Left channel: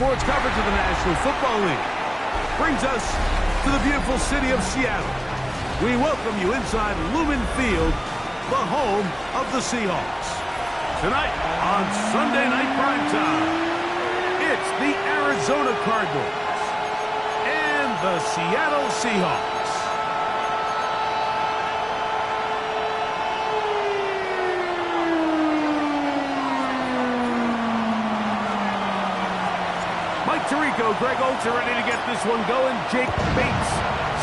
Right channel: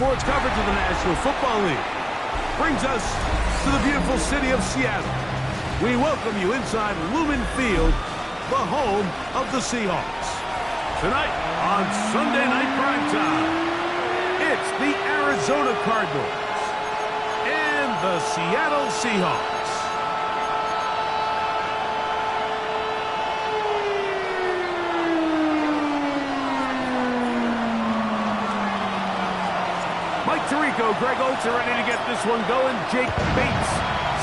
sports coverage of the National Football League brings us to the beautiful city of Seattle. We welcome you inside Lumen Field, the home of the Seahawks. Tonight on Sunday Night Primetime, it's the Arizona Cardinals and the Seattle Seahawks. Mike Tirico, Greg Oltz are ready to get this one going. Jake Bates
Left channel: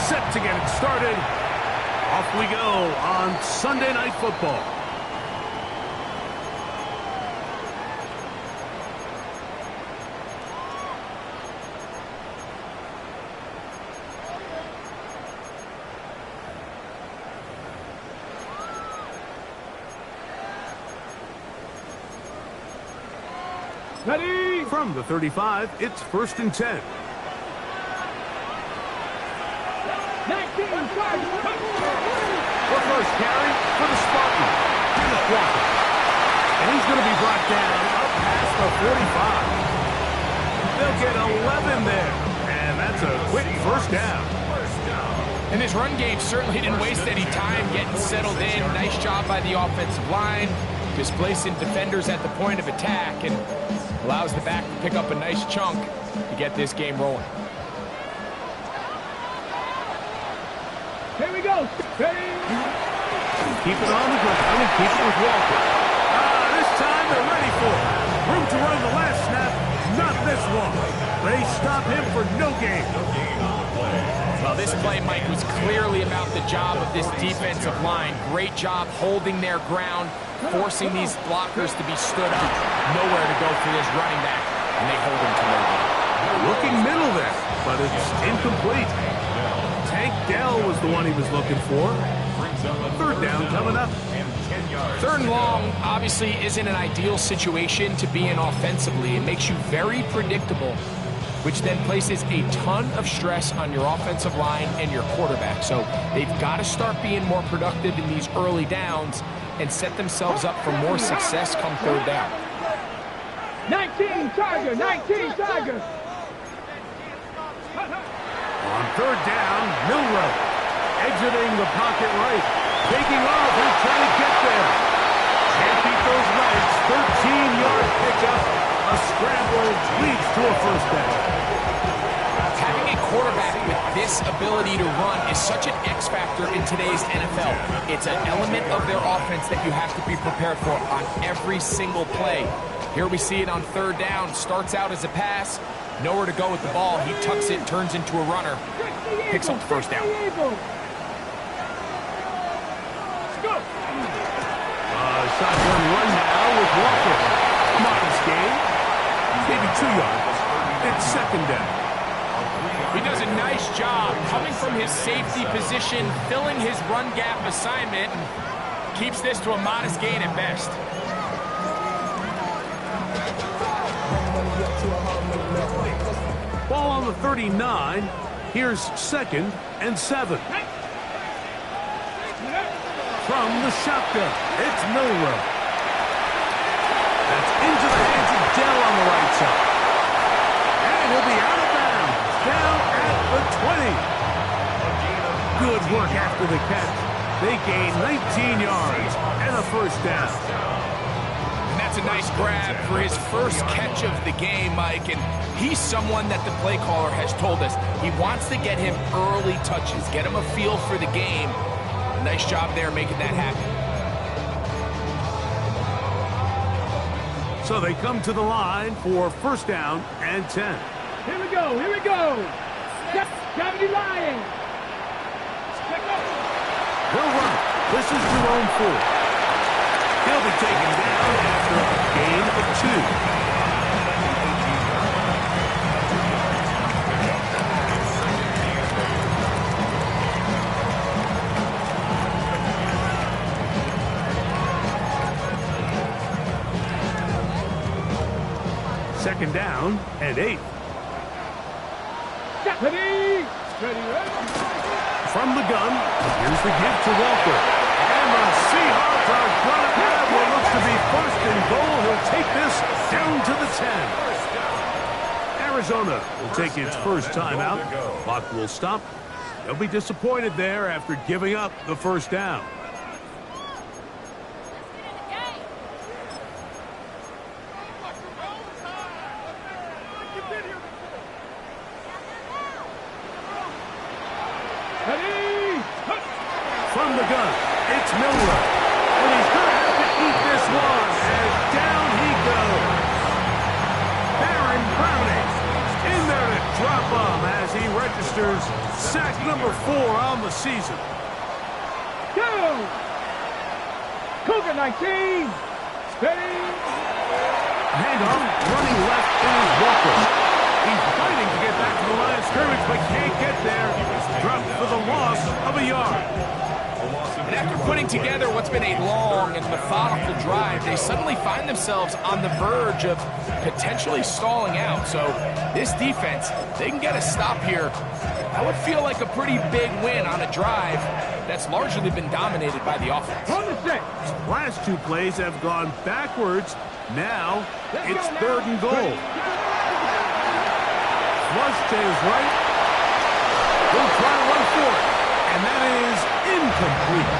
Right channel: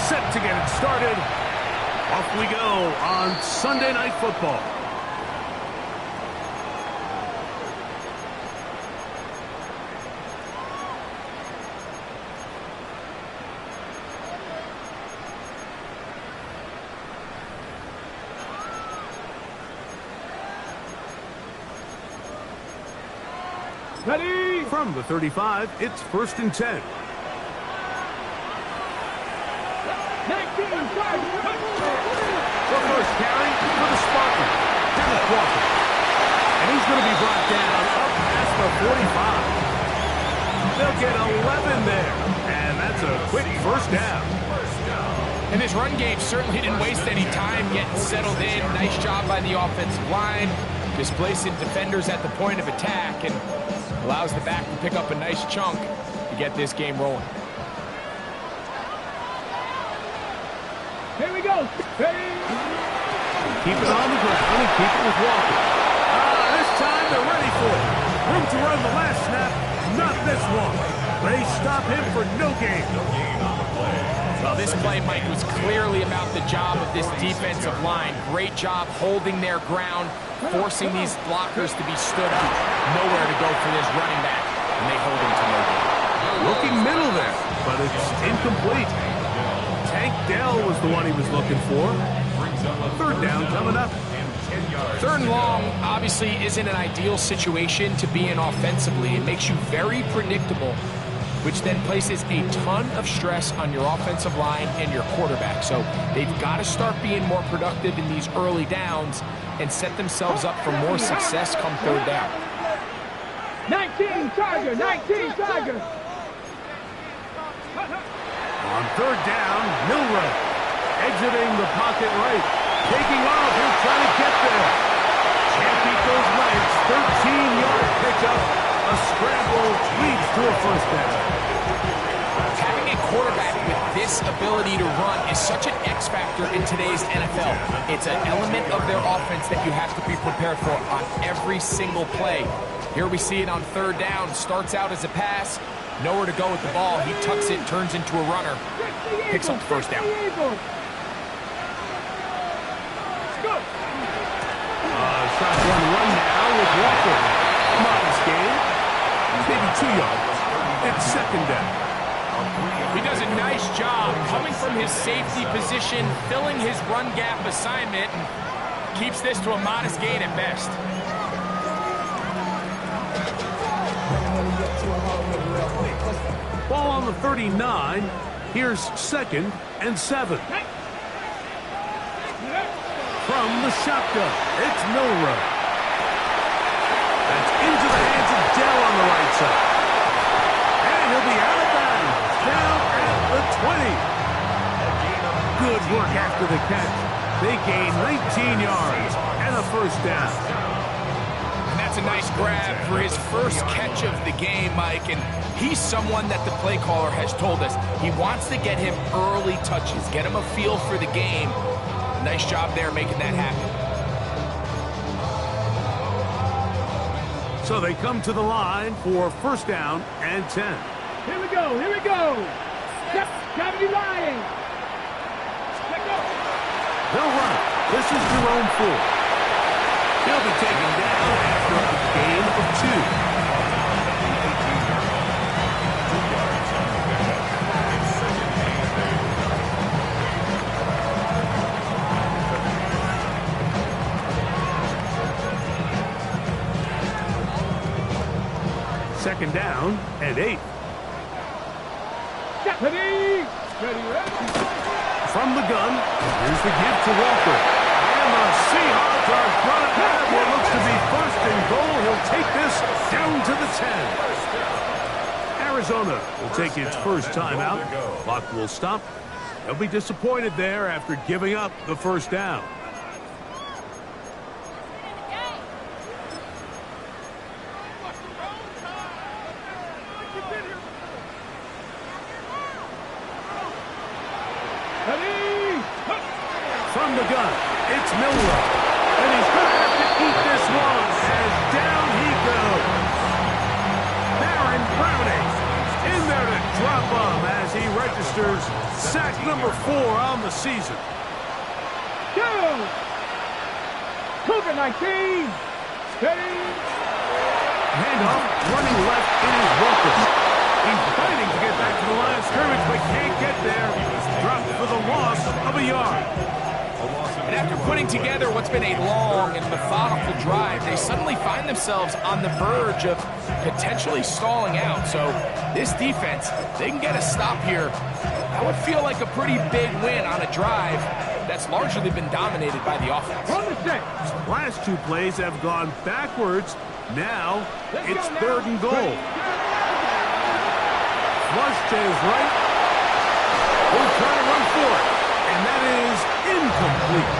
set to get it started. Off we go on Sunday Night Football. Ready? From the 35, it's 1st and 10. 19, charge. The first carry for the Spartans, Kenneth Walker. And he's going to be brought down up past the 45. They'll get 11 there. And that's a quick first down. And this run game certainly didn't waste any time getting settled in. Nice job by the offensive line, displacing defenders at the point of attack, and allows the back to pick up a nice chunk to get this game rolling. Here we go. Ready? Keep it on the ground and keep it with Walker. This time they're ready for it. Room to run the last snap. Not this one. They stop him for no gain. Well, this play, Mike, was clearly about the job of this defensive line. Great job holding their ground, forcing these blockers to be stood up. Nowhere to go for this running back, and they hold him to no gain. Looking middle there, but it's incomplete. Tank Dell was the one he was looking for. 3rd down coming up. 3rd and long obviously isn't an ideal situation to be in offensively. It makes you very predictable, which then places a ton of stress on your offensive line and your quarterback. So they've got to start being more productive in these early downs and set themselves up for more success come 3rd down. 19, Charger. 19, Charger. On 3rd down, Milrow exiting the pocket right. Taking off, he'll try to get there. Can't beat those legs. 13-yard pickup. A scramble leads to a first down. Having a quarterback with this ability to run is such an X factor in today's NFL. It's an element of their offense that you have to be prepared for on every single play. Here we see it on 3rd down. Starts out as a pass. Nowhere to go with the ball. He tucks it, turns into a runner. Picks up the first down. Shotgun run now with Walker. A modest gain. Maybe 2 yards. It's 2nd down. He does a nice job coming from his safety position, filling his run gap assignment, and keeps this to a modest gain at best. Ball on the 39. Here's 2nd and 7. From the shotgun, it's Milrow. That's into the hands of Dell on the right side. And he'll be out of bounds, down at the 20. Good work after the catch. They gain 19 yards and a first down. And that's a nice grab for his first catch of the game, Mike. And he's someone that the play caller has told us he wants to get him early touches, get him a feel for the game. Nice job there making that happen. So they come to the line for 1st down and 10. Here we go. Here we go. Gravity lying. They'll run it. This is Jerome Ford. He'll be taken down after a gain of 2. Second down and 8. Ready. From the gun, here's the give to Walker. And the Seahawks are going to have what looks to be 1st and goal. He'll take this down to the 10. Arizona will take its first timeout. Clock will stop. They'll be disappointed there after giving up the first down. From the gun, it's Milroe. And he's going to have to eat this one as down he goes. Baron Browning in there to drop him as he registers sack number 4 on the season. Go! Cougar 19. Steady. Handoff, running left, it is Walker. He's fighting to get back to the line of scrimmage, but can't get there. Dropped for the loss of a yard. And after putting together what's been a long and methodical drive, they suddenly find themselves on the verge of potentially stalling out. So this defense, they can get a stop here. That would feel like a pretty big win on a drive that's largely been dominated by the offense. From the six. Last 2 plays have gone backwards. Now it's 3rd and goal. Flush to his right. We'll try to run for it. And that is incomplete.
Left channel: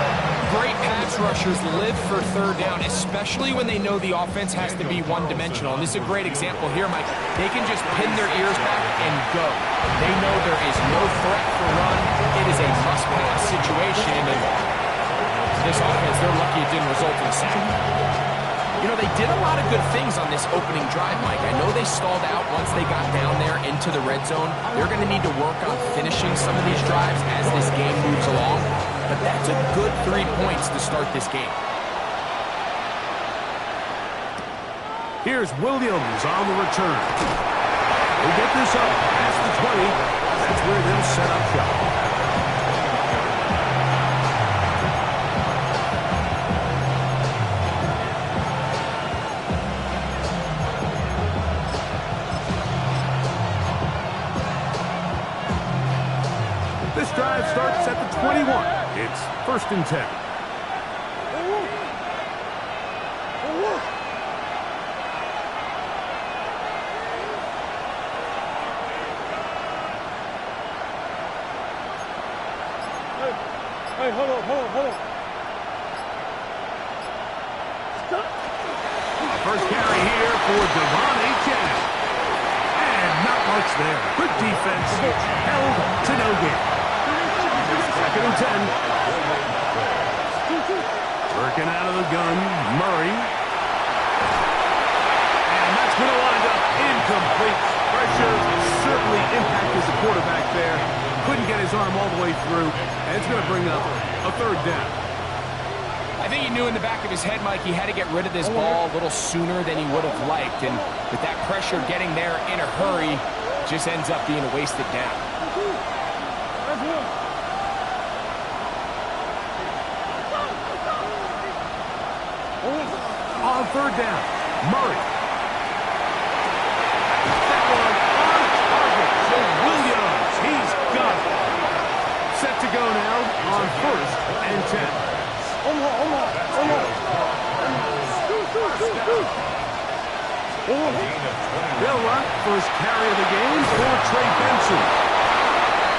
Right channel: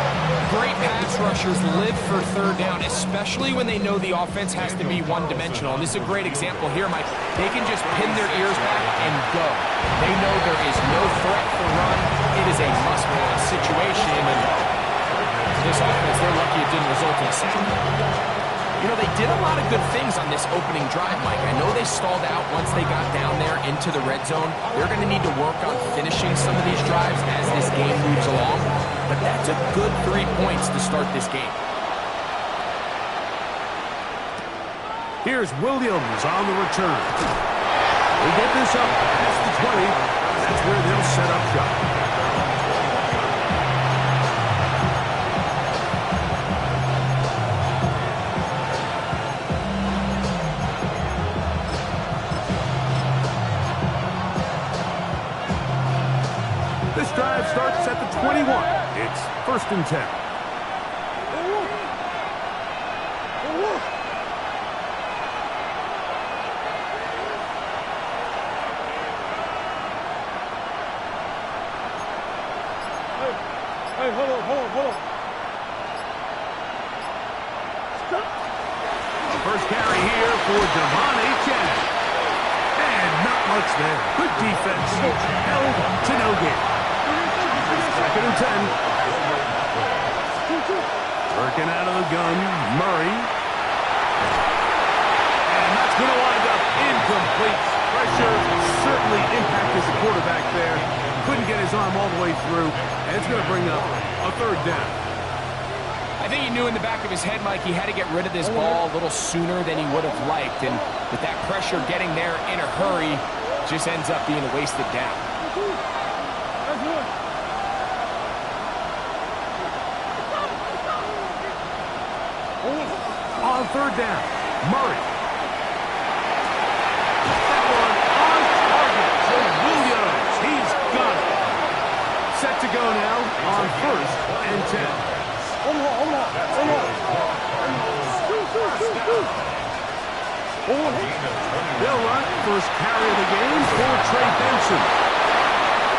Great pass rushers live for 3rd down, especially when they know the offense has to be one-dimensional. And this is a great example here, Mike. They can just pin their ears back and go. They know there is no threat for run. It is a must-pass situation. And this offense, they're lucky it didn't result in a sack. You know, they did a lot of good things on this opening drive, Mike. I know they stalled out once they got down there into the red zone. They're going to need to work on finishing some of these drives as this game moves along. But that's a good 3 points to start this game. Here's Williams on the return. We'll get this up past the 20. That's where they'll set up shop. This drive starts at the 21. It's 1st and 10. Hey, hold on. Stop. The first carry here for Devon Achane. And not much there. Good defense. Held to no gain. 2nd and 10. Working out of the gun, Murray. And that's going to wind up incomplete. Pressure certainly impacted the quarterback there. Couldn't get his arm all the way through. And it's going to bring up a 3rd down. I think he knew in the back of his head, Mike, he had to get rid of this ball a little sooner than he would have liked. And with that pressure getting there in a hurry, just ends up being a wasted down. On 3rd down, Murray. That one on target to Williams. He's got it. Set to go now on 1st and 10. They'll run first carry of the game for Trey Benson.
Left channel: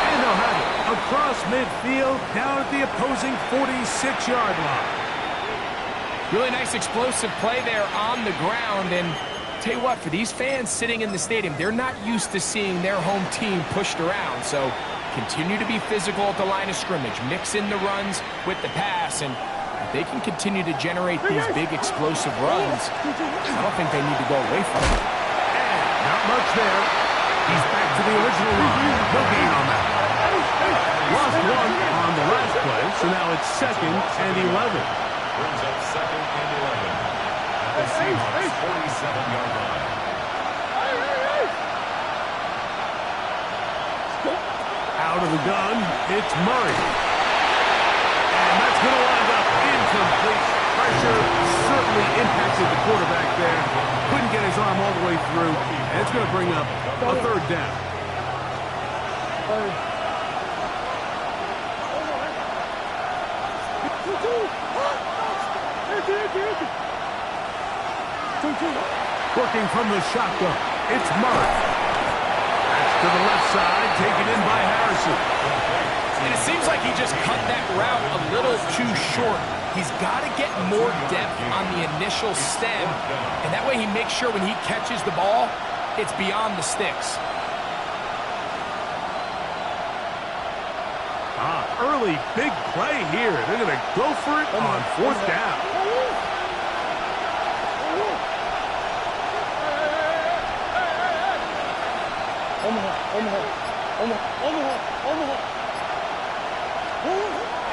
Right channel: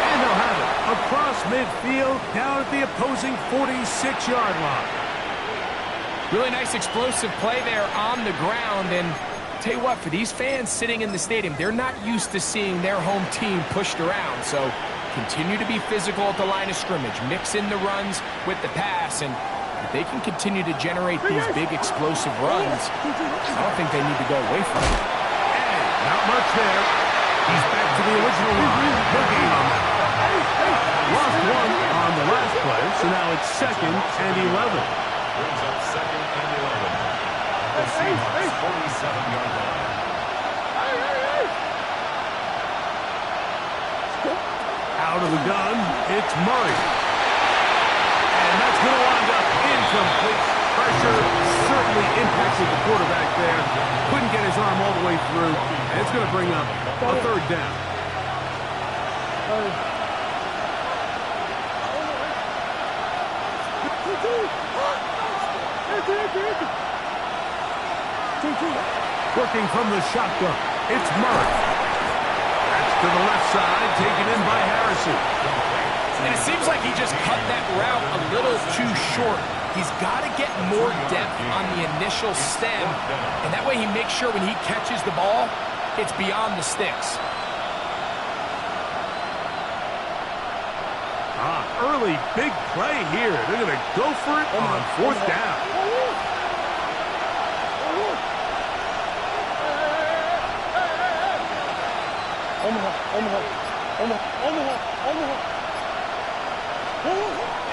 And they'll have it across midfield down at the opposing 46-yard line. Really nice explosive play there on the ground. And tell you what, for these fans sitting in the stadium, they're not used to seeing their home team pushed around. So continue to be physical at the line of scrimmage. Mix in the runs with the pass. And if they can continue to generate these big explosive runs, I don't think they need to go away from it. And not much there. He's back to the original line. No gain on that. Lost 1 on the last play, so now it's 2nd and 11. Brings up 2nd and 11 at the Seahawks 47-yard line. Out of the gun, it's Murray. And that's going to wind up incomplete. Pressure certainly impacted the quarterback there. Couldn't get his arm all the way through. And it's going to bring up a 3rd down. Working from the shotgun, it's Murray. to the left side, taken in by Harrison. And it seems like he just cut that route a little too short. He's got to get more depth on the initial stem, and that way he makes sure when he catches the ball, it's beyond the sticks. Early big play here. They're going to go for it on fourth down.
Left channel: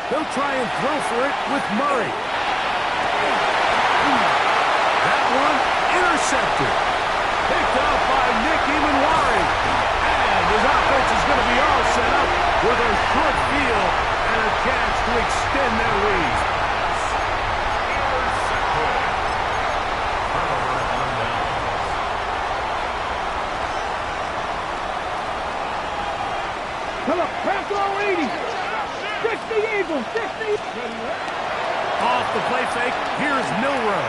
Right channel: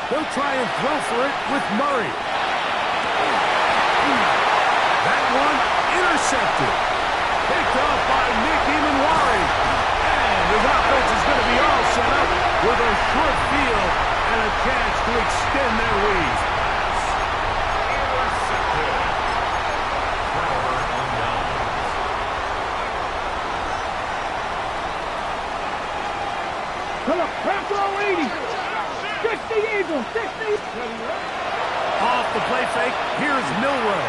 They'll try and throw for it with Murray. That one intercepted. Picked up by Nick Emanwari. And his offense is going to be all set up with a short field and a chance to extend their lead. Intercepted. Turnover on downs. Come on, crack throw 80. 60 Eagles, 60. Off the play fake, here's Milrow.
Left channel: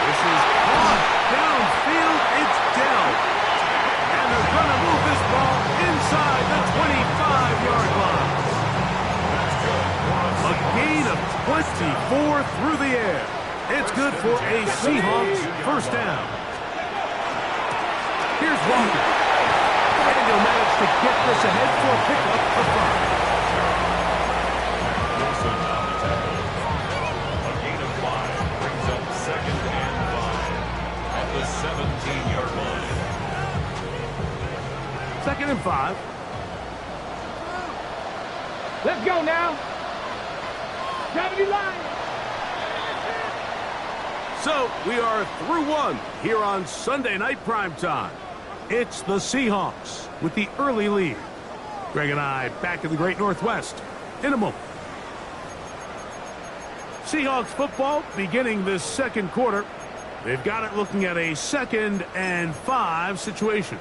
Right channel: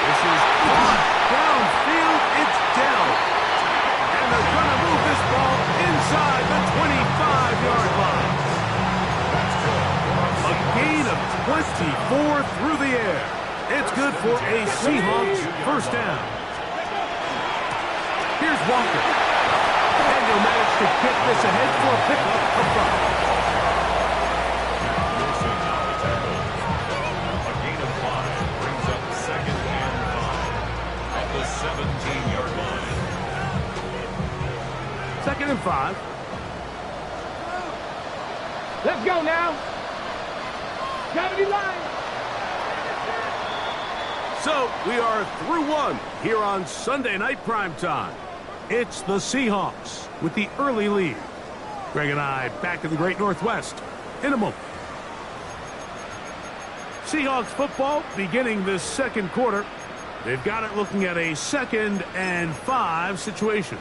This is caught downfield, it's Dell. And they're going to move this ball inside the 25-yard line. A gain of 24 through the air. It's good for a Seahawks first down. Here's Walker. And he'll manage to get this ahead for a pickup of 5. Wilson on the tackle. A gain of 5 brings up 2nd and 5 at the 17-yard line. 2nd and 5. Let's go now. Gravity line. So we are through one here on Sunday Night Primetime. It's the Seahawks with the early lead. Greg and I back in the Great Northwest in a moment. Seahawks football beginning this second quarter. They've got it looking at a 2nd and 5 situation.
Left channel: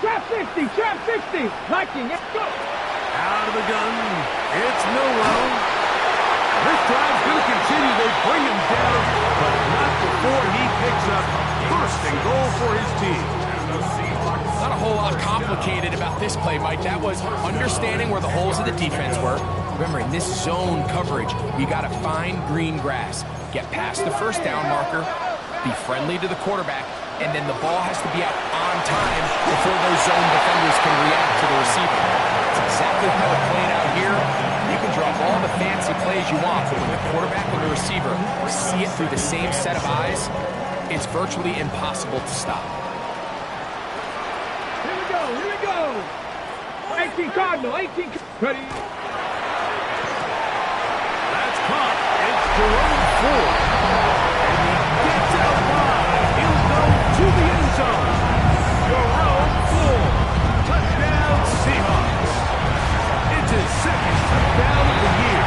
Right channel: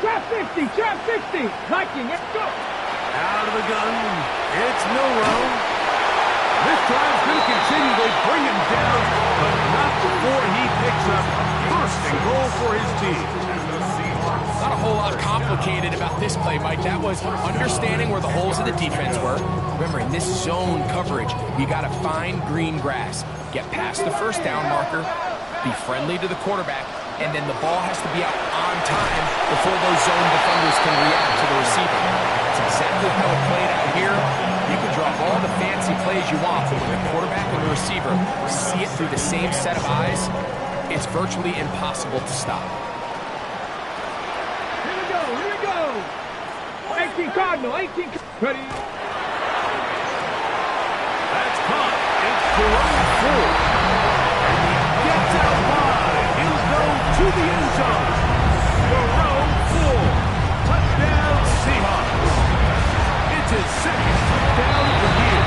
Trap 60, trap 60. Viking, let's go. Out of the gun, it's Milrow. This drive's going to continue. They bring him down, but not before he picks up 1st and goal for his team. Not a whole lot complicated about this play, Mike. That was understanding where the holes of the defense were. Remember, in this zone coverage, you got to find green grass, get past the 1st down marker, be friendly to the quarterback, and then the ball has to be out on time before those zone defenders can react to the receiver. That's exactly how it played out here. You can draw all the fancy plays you want, but when the quarterback and the receiver see it through the same set of eyes, it's virtually impossible to stop. Here we go, here we go. 18 Cardinal, 18. Ready. That's caught. It's Jerome Ford. And he gets out wide. He'll go to the end zone. Jerome Ford. Touchdown, Seahawks. It's his 2nd touchdown of the year.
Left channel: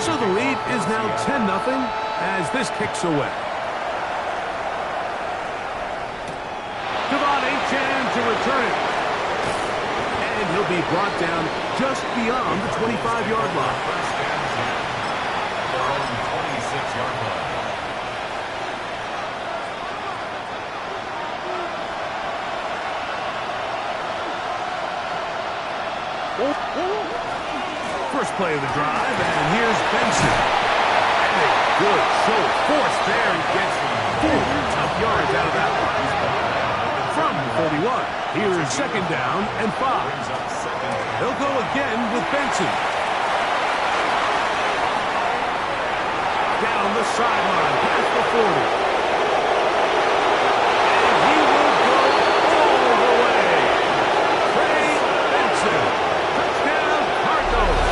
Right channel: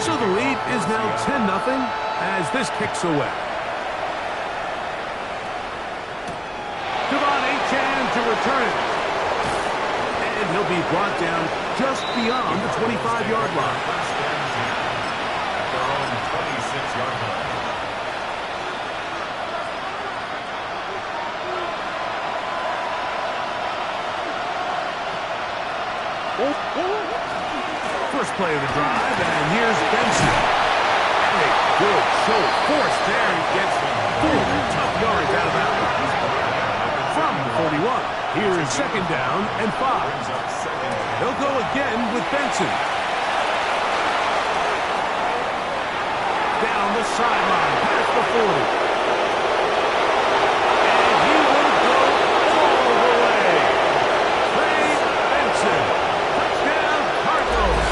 So the lead is now 10-0 as this kicks away. Devon Achane to return it. And he'll be brought down just beyond the 25-yard line. 1st and 10 at their own 26-yard line. First play of the drive, and here's Benson. And a good show of force there. He gets 4 tough yards out of that one. From the 41, here's 2nd down and 5. They'll go again with Benson. Down the sideline, past the 40. And he will go all the way. Trey Benson. Touchdown, Cardinals.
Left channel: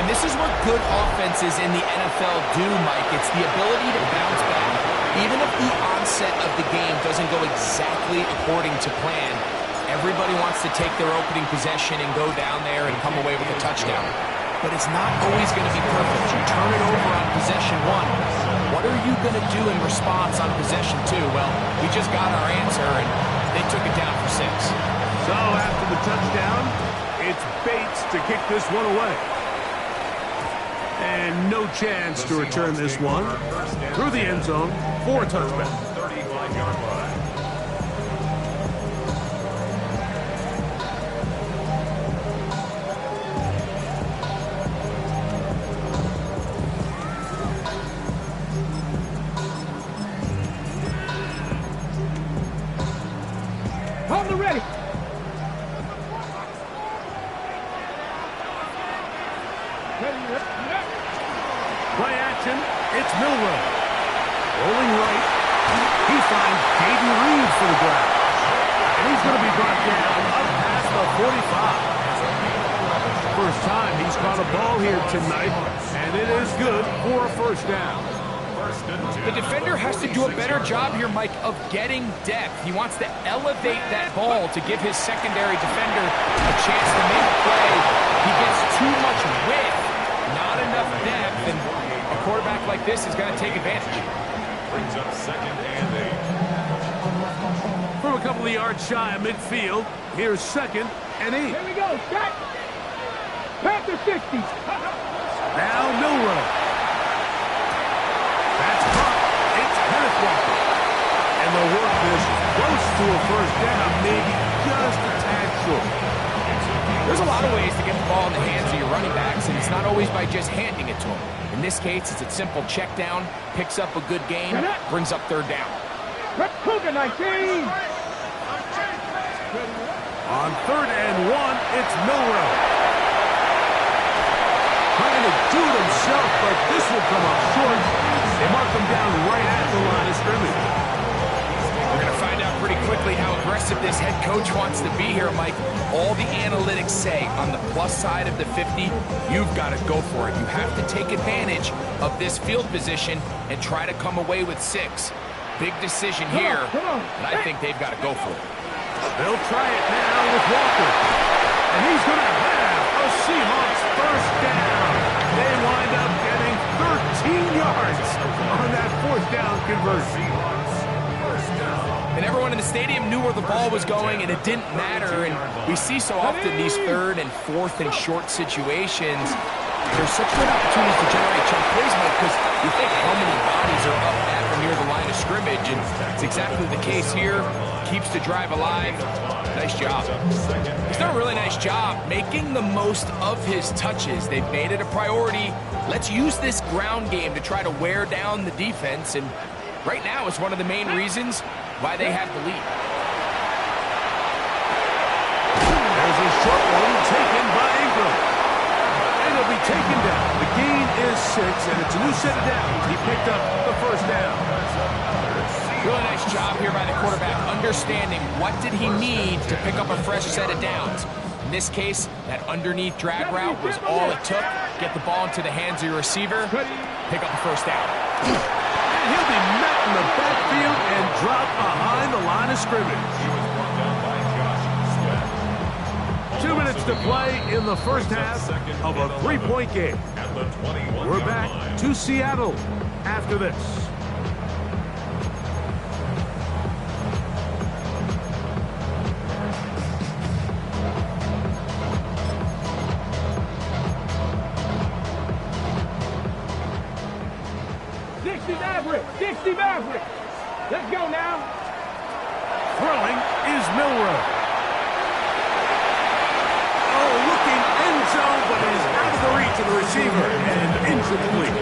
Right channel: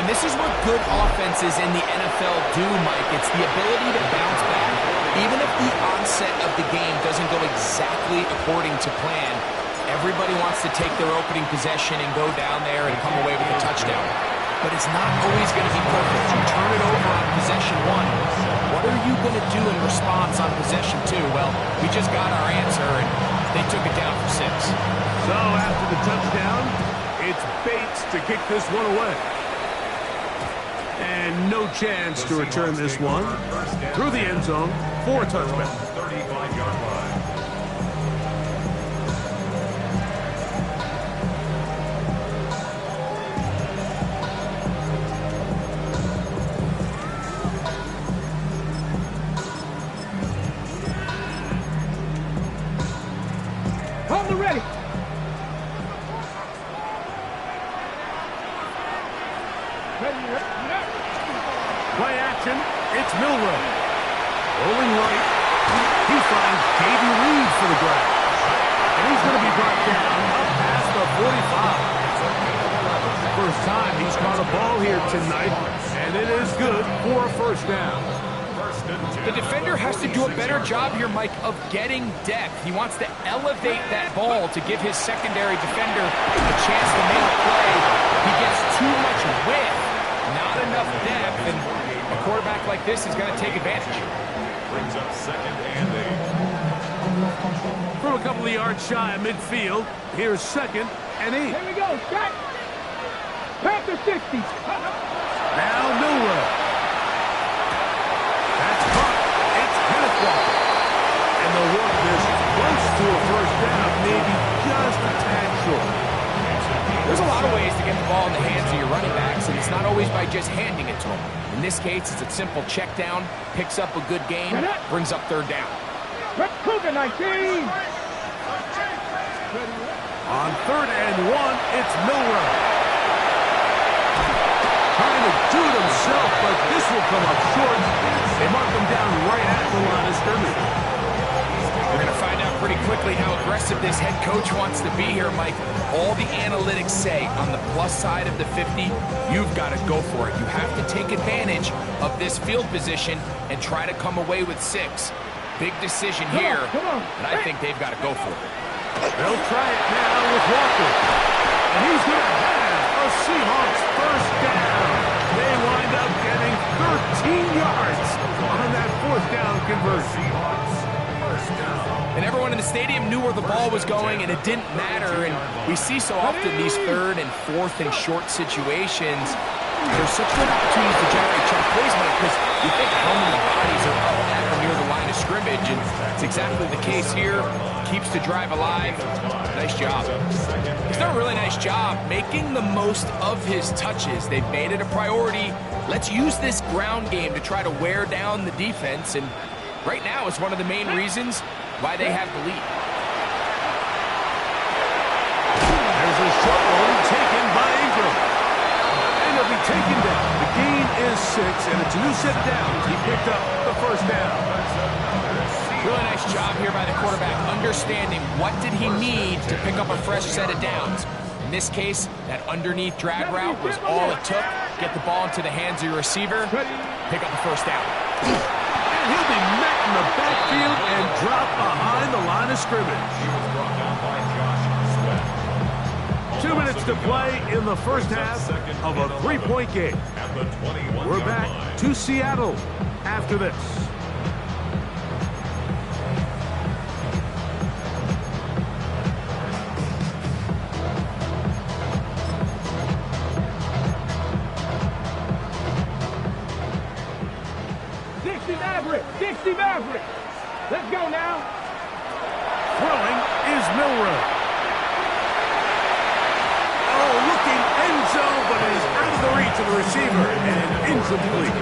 And this is what good offenses in the NFL do, Mike. It's the ability to bounce back. Even if the onset of the game doesn't go exactly according to plan, everybody wants to take their opening possession and go down there and come away with a touchdown. But it's not always going to be perfect. You turn it over on possession 1. What are you going to do in response on possession 2? Well, we just got our answer, and they took it down for 6. So after the touchdown, it's Bates to kick this one away. And no chance to return this one through the end zone for a touchback. 35-yard line. Hold the ready. Play action. It's Milroe. Rolling right. He finds Jaden Reed for the grab. And he's going to be brought down up past the 45. First time he's caught a ball here tonight, and it is good for a first down. The defender has to do a better job here, Mike, of getting depth. He wants to elevate that ball to give his secondary defender a chance to make a play. He gets too much width, not enough depth, and a quarterback like this is going to take advantage. Brings up 2nd and 8. From a couple of yards shy of midfield, here's 2nd and 8. Here we go, Scott. Panther 60. Now Milroe. That's caught. It's Kenneth Walker. And they'll work this close to a first down, maybe just a tad short. There's a lot of ways to get the ball in the hands of your running backs, and it's not always by just handing it to them. In this case, it's a simple check down, picks up a good gain, brings up 3rd down. Cougar 19. On 3rd and 1, it's Milroe. Trying to do it himself, but this will come up short. They mark him down right at the line of scrimmage. We're going to find out pretty quickly how aggressive this head coach wants to be here, Mike. All the analytics say on the plus side of the 50, you've got to go for it. You have to take advantage of this field position and try to come away with 6. Big decision here, and I think they've got to go for it. They'll try it now with Walker. And he's going to have a Seahawks first down. They wind up getting 13 yards on that 4th down conversion. And everyone in the stadium knew where the ball was going, and it didn't matter. And we see so often these 3rd and 4th and short situations, there's such great opportunities to generate chunk plays, Mike, because you think how many bodies are up at or near the line of scrimmage, and it's exactly the case here. Keeps the drive alive. Nice job. He's done a really nice job making the most of his touches. They've made it a priority. Let's use this ground game to try to wear down the defense, and right now it's one of the main reasons why they have the lead. There's a short one taken by Ingram. And he'll be taken down. The gain is 6, and it's a new set of downs. He picked up the first down. Really nice job here by the quarterback, understanding what did he need to pick up a fresh set of downs. In this case, that underneath drag route was all it took. Get the ball into the hands of your receiver, pick up the first down. And he'll be met in the backfield and dropped behind the line of scrimmage. He was brought down by Josh Sweat. 2 minutes to play in the first half of a 3-point game. We're back to Seattle after this. Dixie Maverick. Let's go now. Throwing is Milroe. Oh, looking end zone, but it is out of the reach of the receiver and incomplete.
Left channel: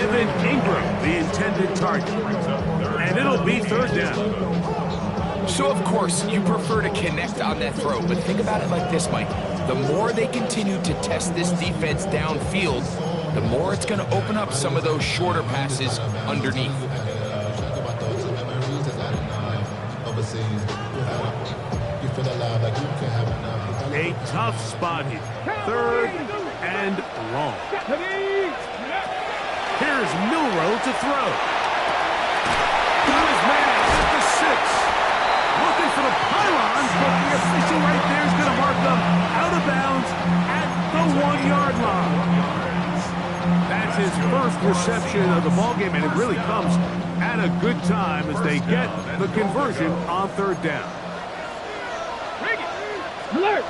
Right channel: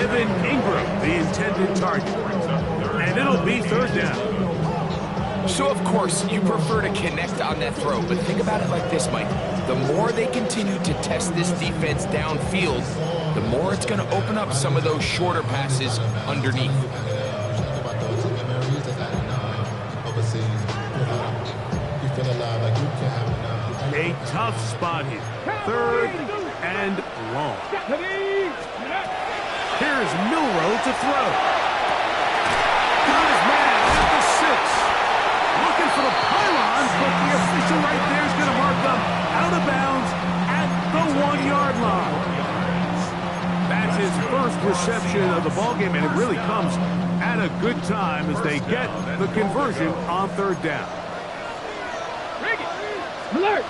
Evan Ingram, the intended target. And it'll be 3rd down. So, of course, you prefer to connect on that throw, but think about it like this, Mike. The more they continue to test this defense downfield, the more it's going to open up some of those shorter passes underneath. A tough spot here. 3rd and long. Here's Milroe to throw. Got his man at the 6. Looking for the pylons, but the official right there is going to mark them out of bounds at the 1-yard line. That's his first reception of the ballgame, and it really comes at a good time as they get the conversion on third down. Alert!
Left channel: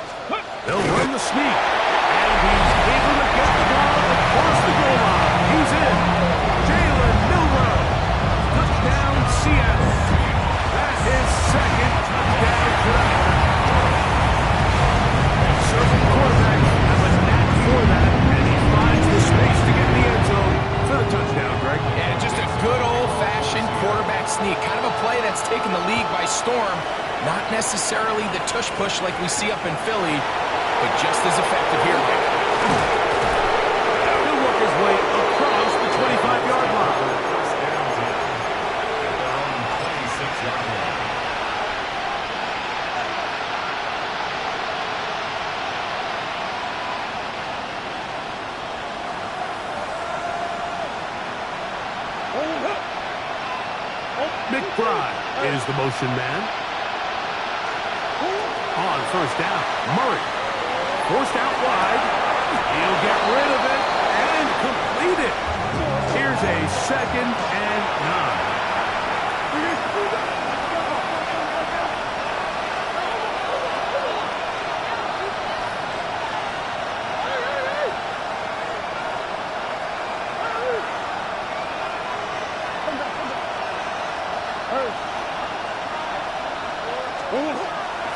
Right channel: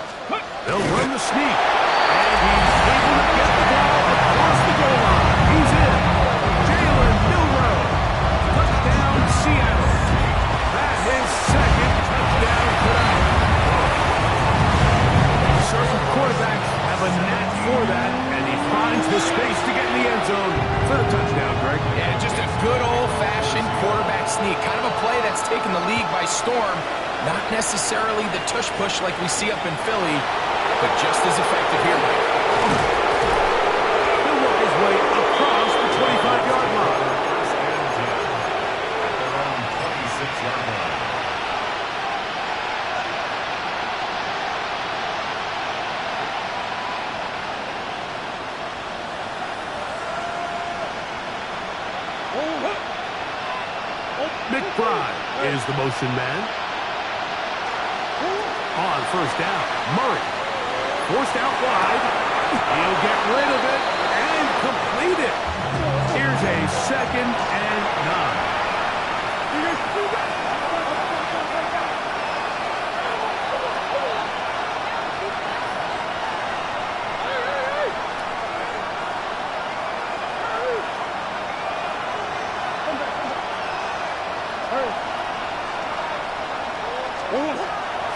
They'll run the sneak, and he's able to get the ball across the goal line. He's in. Jalen Milroe. Touchdown, Seattle. That's his second touchdown tonight. Certain quarterbacks have a knack for that, and he finds the space to get in the end zone for the touchdown, Greg. Yeah, just a good old-fashioned quarterback sneak. Kind of a play that's taken the league by storm. Not necessarily the tush-push like we see up in Philly, but just as effective here, Mike. He'll work his way across the 25-yard line. First and 10 at their own 26-yard line. McBride is the motion man. On first down, Murray. Forced out wide. He'll get rid of it and complete it. Here's a 2nd and 9.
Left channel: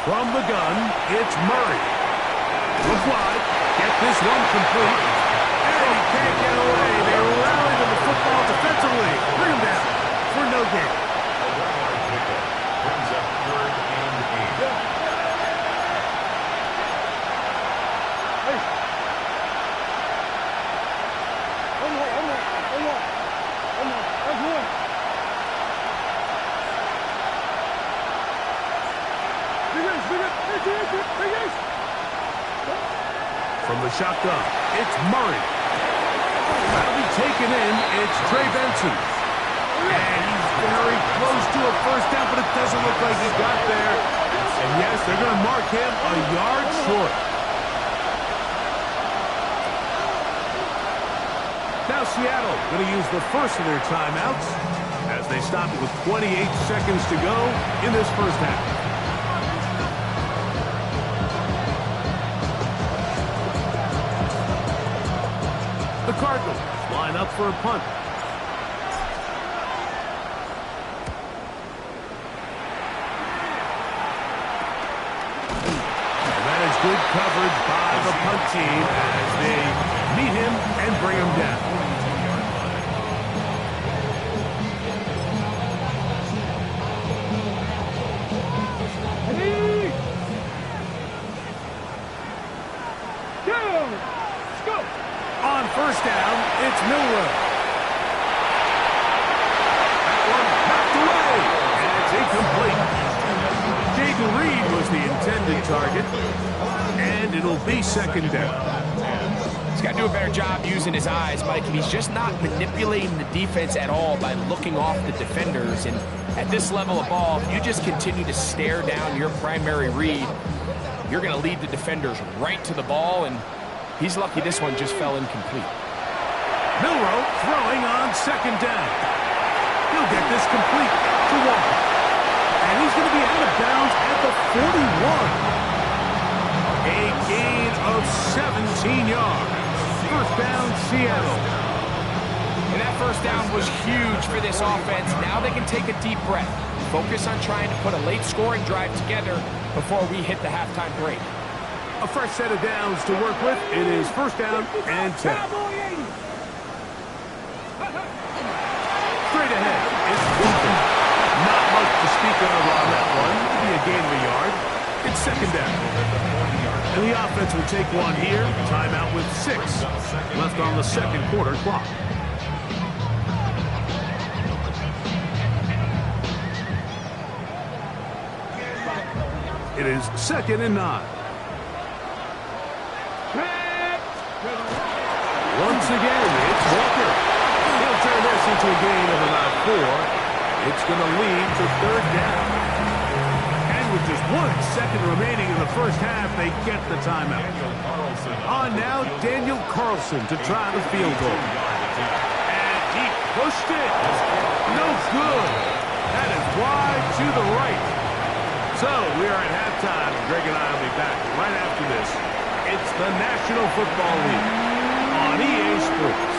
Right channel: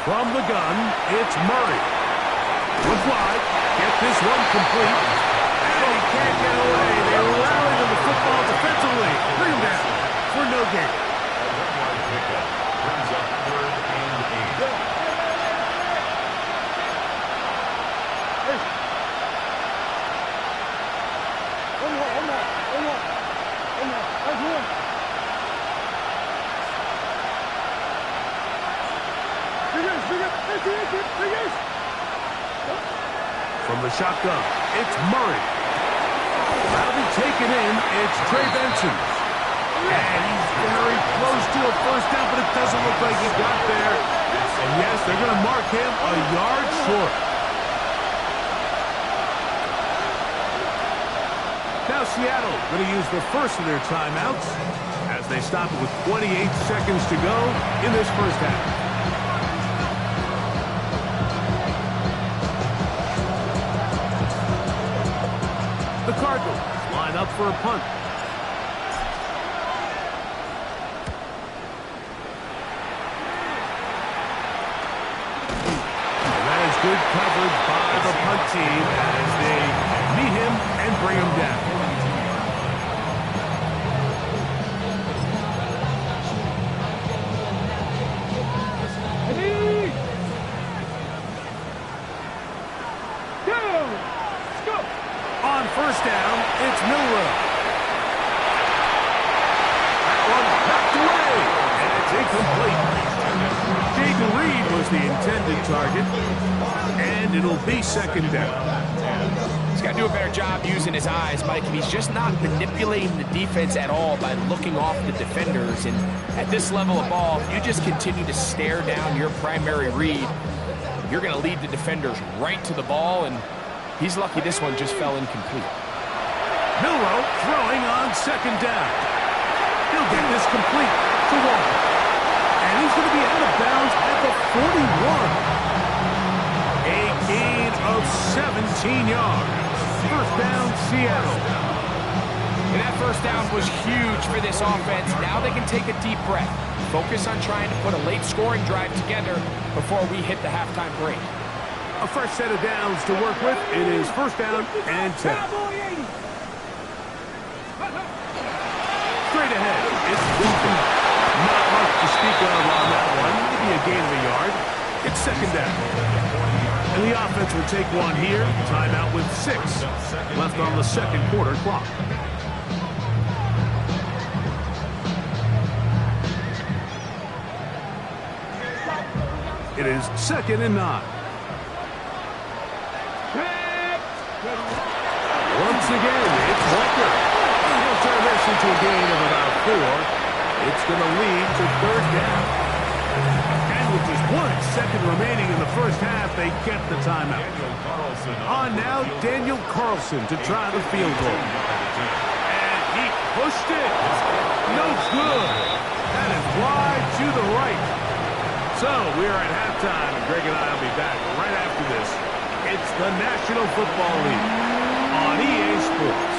From the gun, it's Murray. Look wide. Get this one complete. And he can't get away. They rally to the football defensively. Bring him down for no gain. A 1-yard pickup brings up 3rd and 8. From the shotgun, it's Murray. That'll be taken in. It's Trey Benson. And he's very close to a first down, but it doesn't look like he got there. And yes, they're going to mark him a yard short. Now Seattle going to use the first of their timeouts as they stop it with 28 seconds to go in this first half. The Cardinals line up for a punt. And that is good coverage by the punt team as they meet him and bring him down. On first down, it's Milroe. That one knocked away, and it's incomplete. Jaden Reed was the intended target, and it'll be 2nd down. He's got to do a better job using his eyes, Mike, and he's just not manipulating the defense at all by looking off the defenders. And at this level of ball, if you just continue to stare down your primary read, you're going to lead the defenders right to the ball, and he's lucky this one just fell incomplete. Milroe throwing on 2nd down. He'll get this complete to Walker. And he's going to be out of bounds at the 41. A gain of 17 yards. First down, Seattle. And that first down was huge for this offense. Now they can take a deep breath. Focus on trying to put a late scoring drive together before we hit the halftime break. A fresh set of downs to work with. It is first down and 10. Straight ahead, it's Walker. Not much to speak of on that one. Maybe a gain of a yard. It's 2nd down. And the offense will take one here. Timeout with 6 left on the 2nd quarter clock. It is 2nd and 9. Once again, it's Walker. He'll turn this into a gain of about 4. It's going to lead to 3rd down. And And with just 1 second remaining in the first half, they get the timeout. On now, Daniel Carlson to try the field goal. And he pushed it. No good. That is wide to the right. So we are at halftime, and Greg and I will be back right after this. It's the National Football League on EA Sports.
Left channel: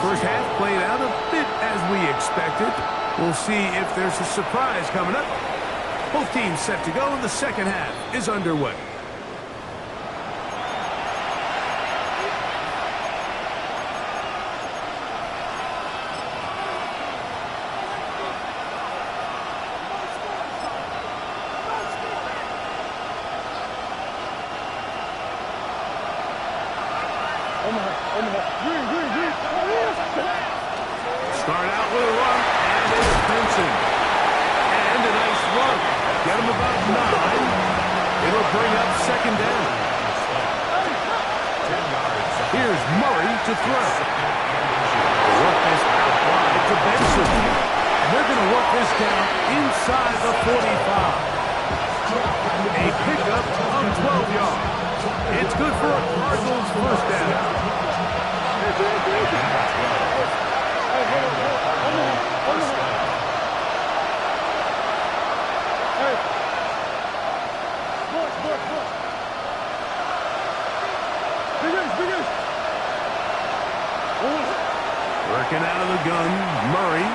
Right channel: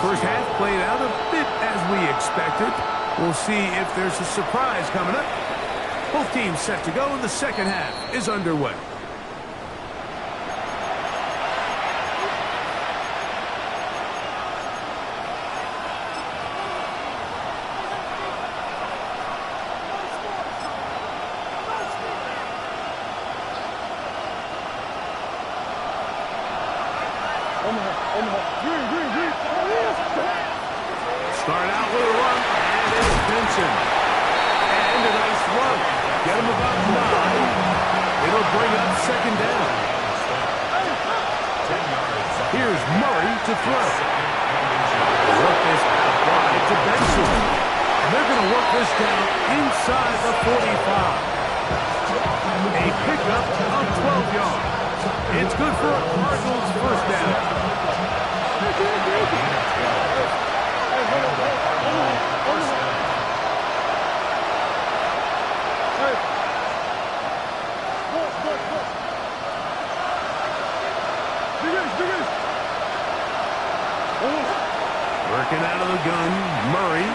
First half played out a bit as we expected. We'll see if there's a surprise coming up. Both teams set to go, and the second half is underway. Start out with a run, and it's Benson. And a nice run. Get him about 9. It'll bring up second down. 10 yards. Here's Murray to throw. They work this out wide to Benson. And they're going to work this down inside the 45. A pickup of 12 yards. It's good for a Cardinals first down. Working out of the gun, Murray.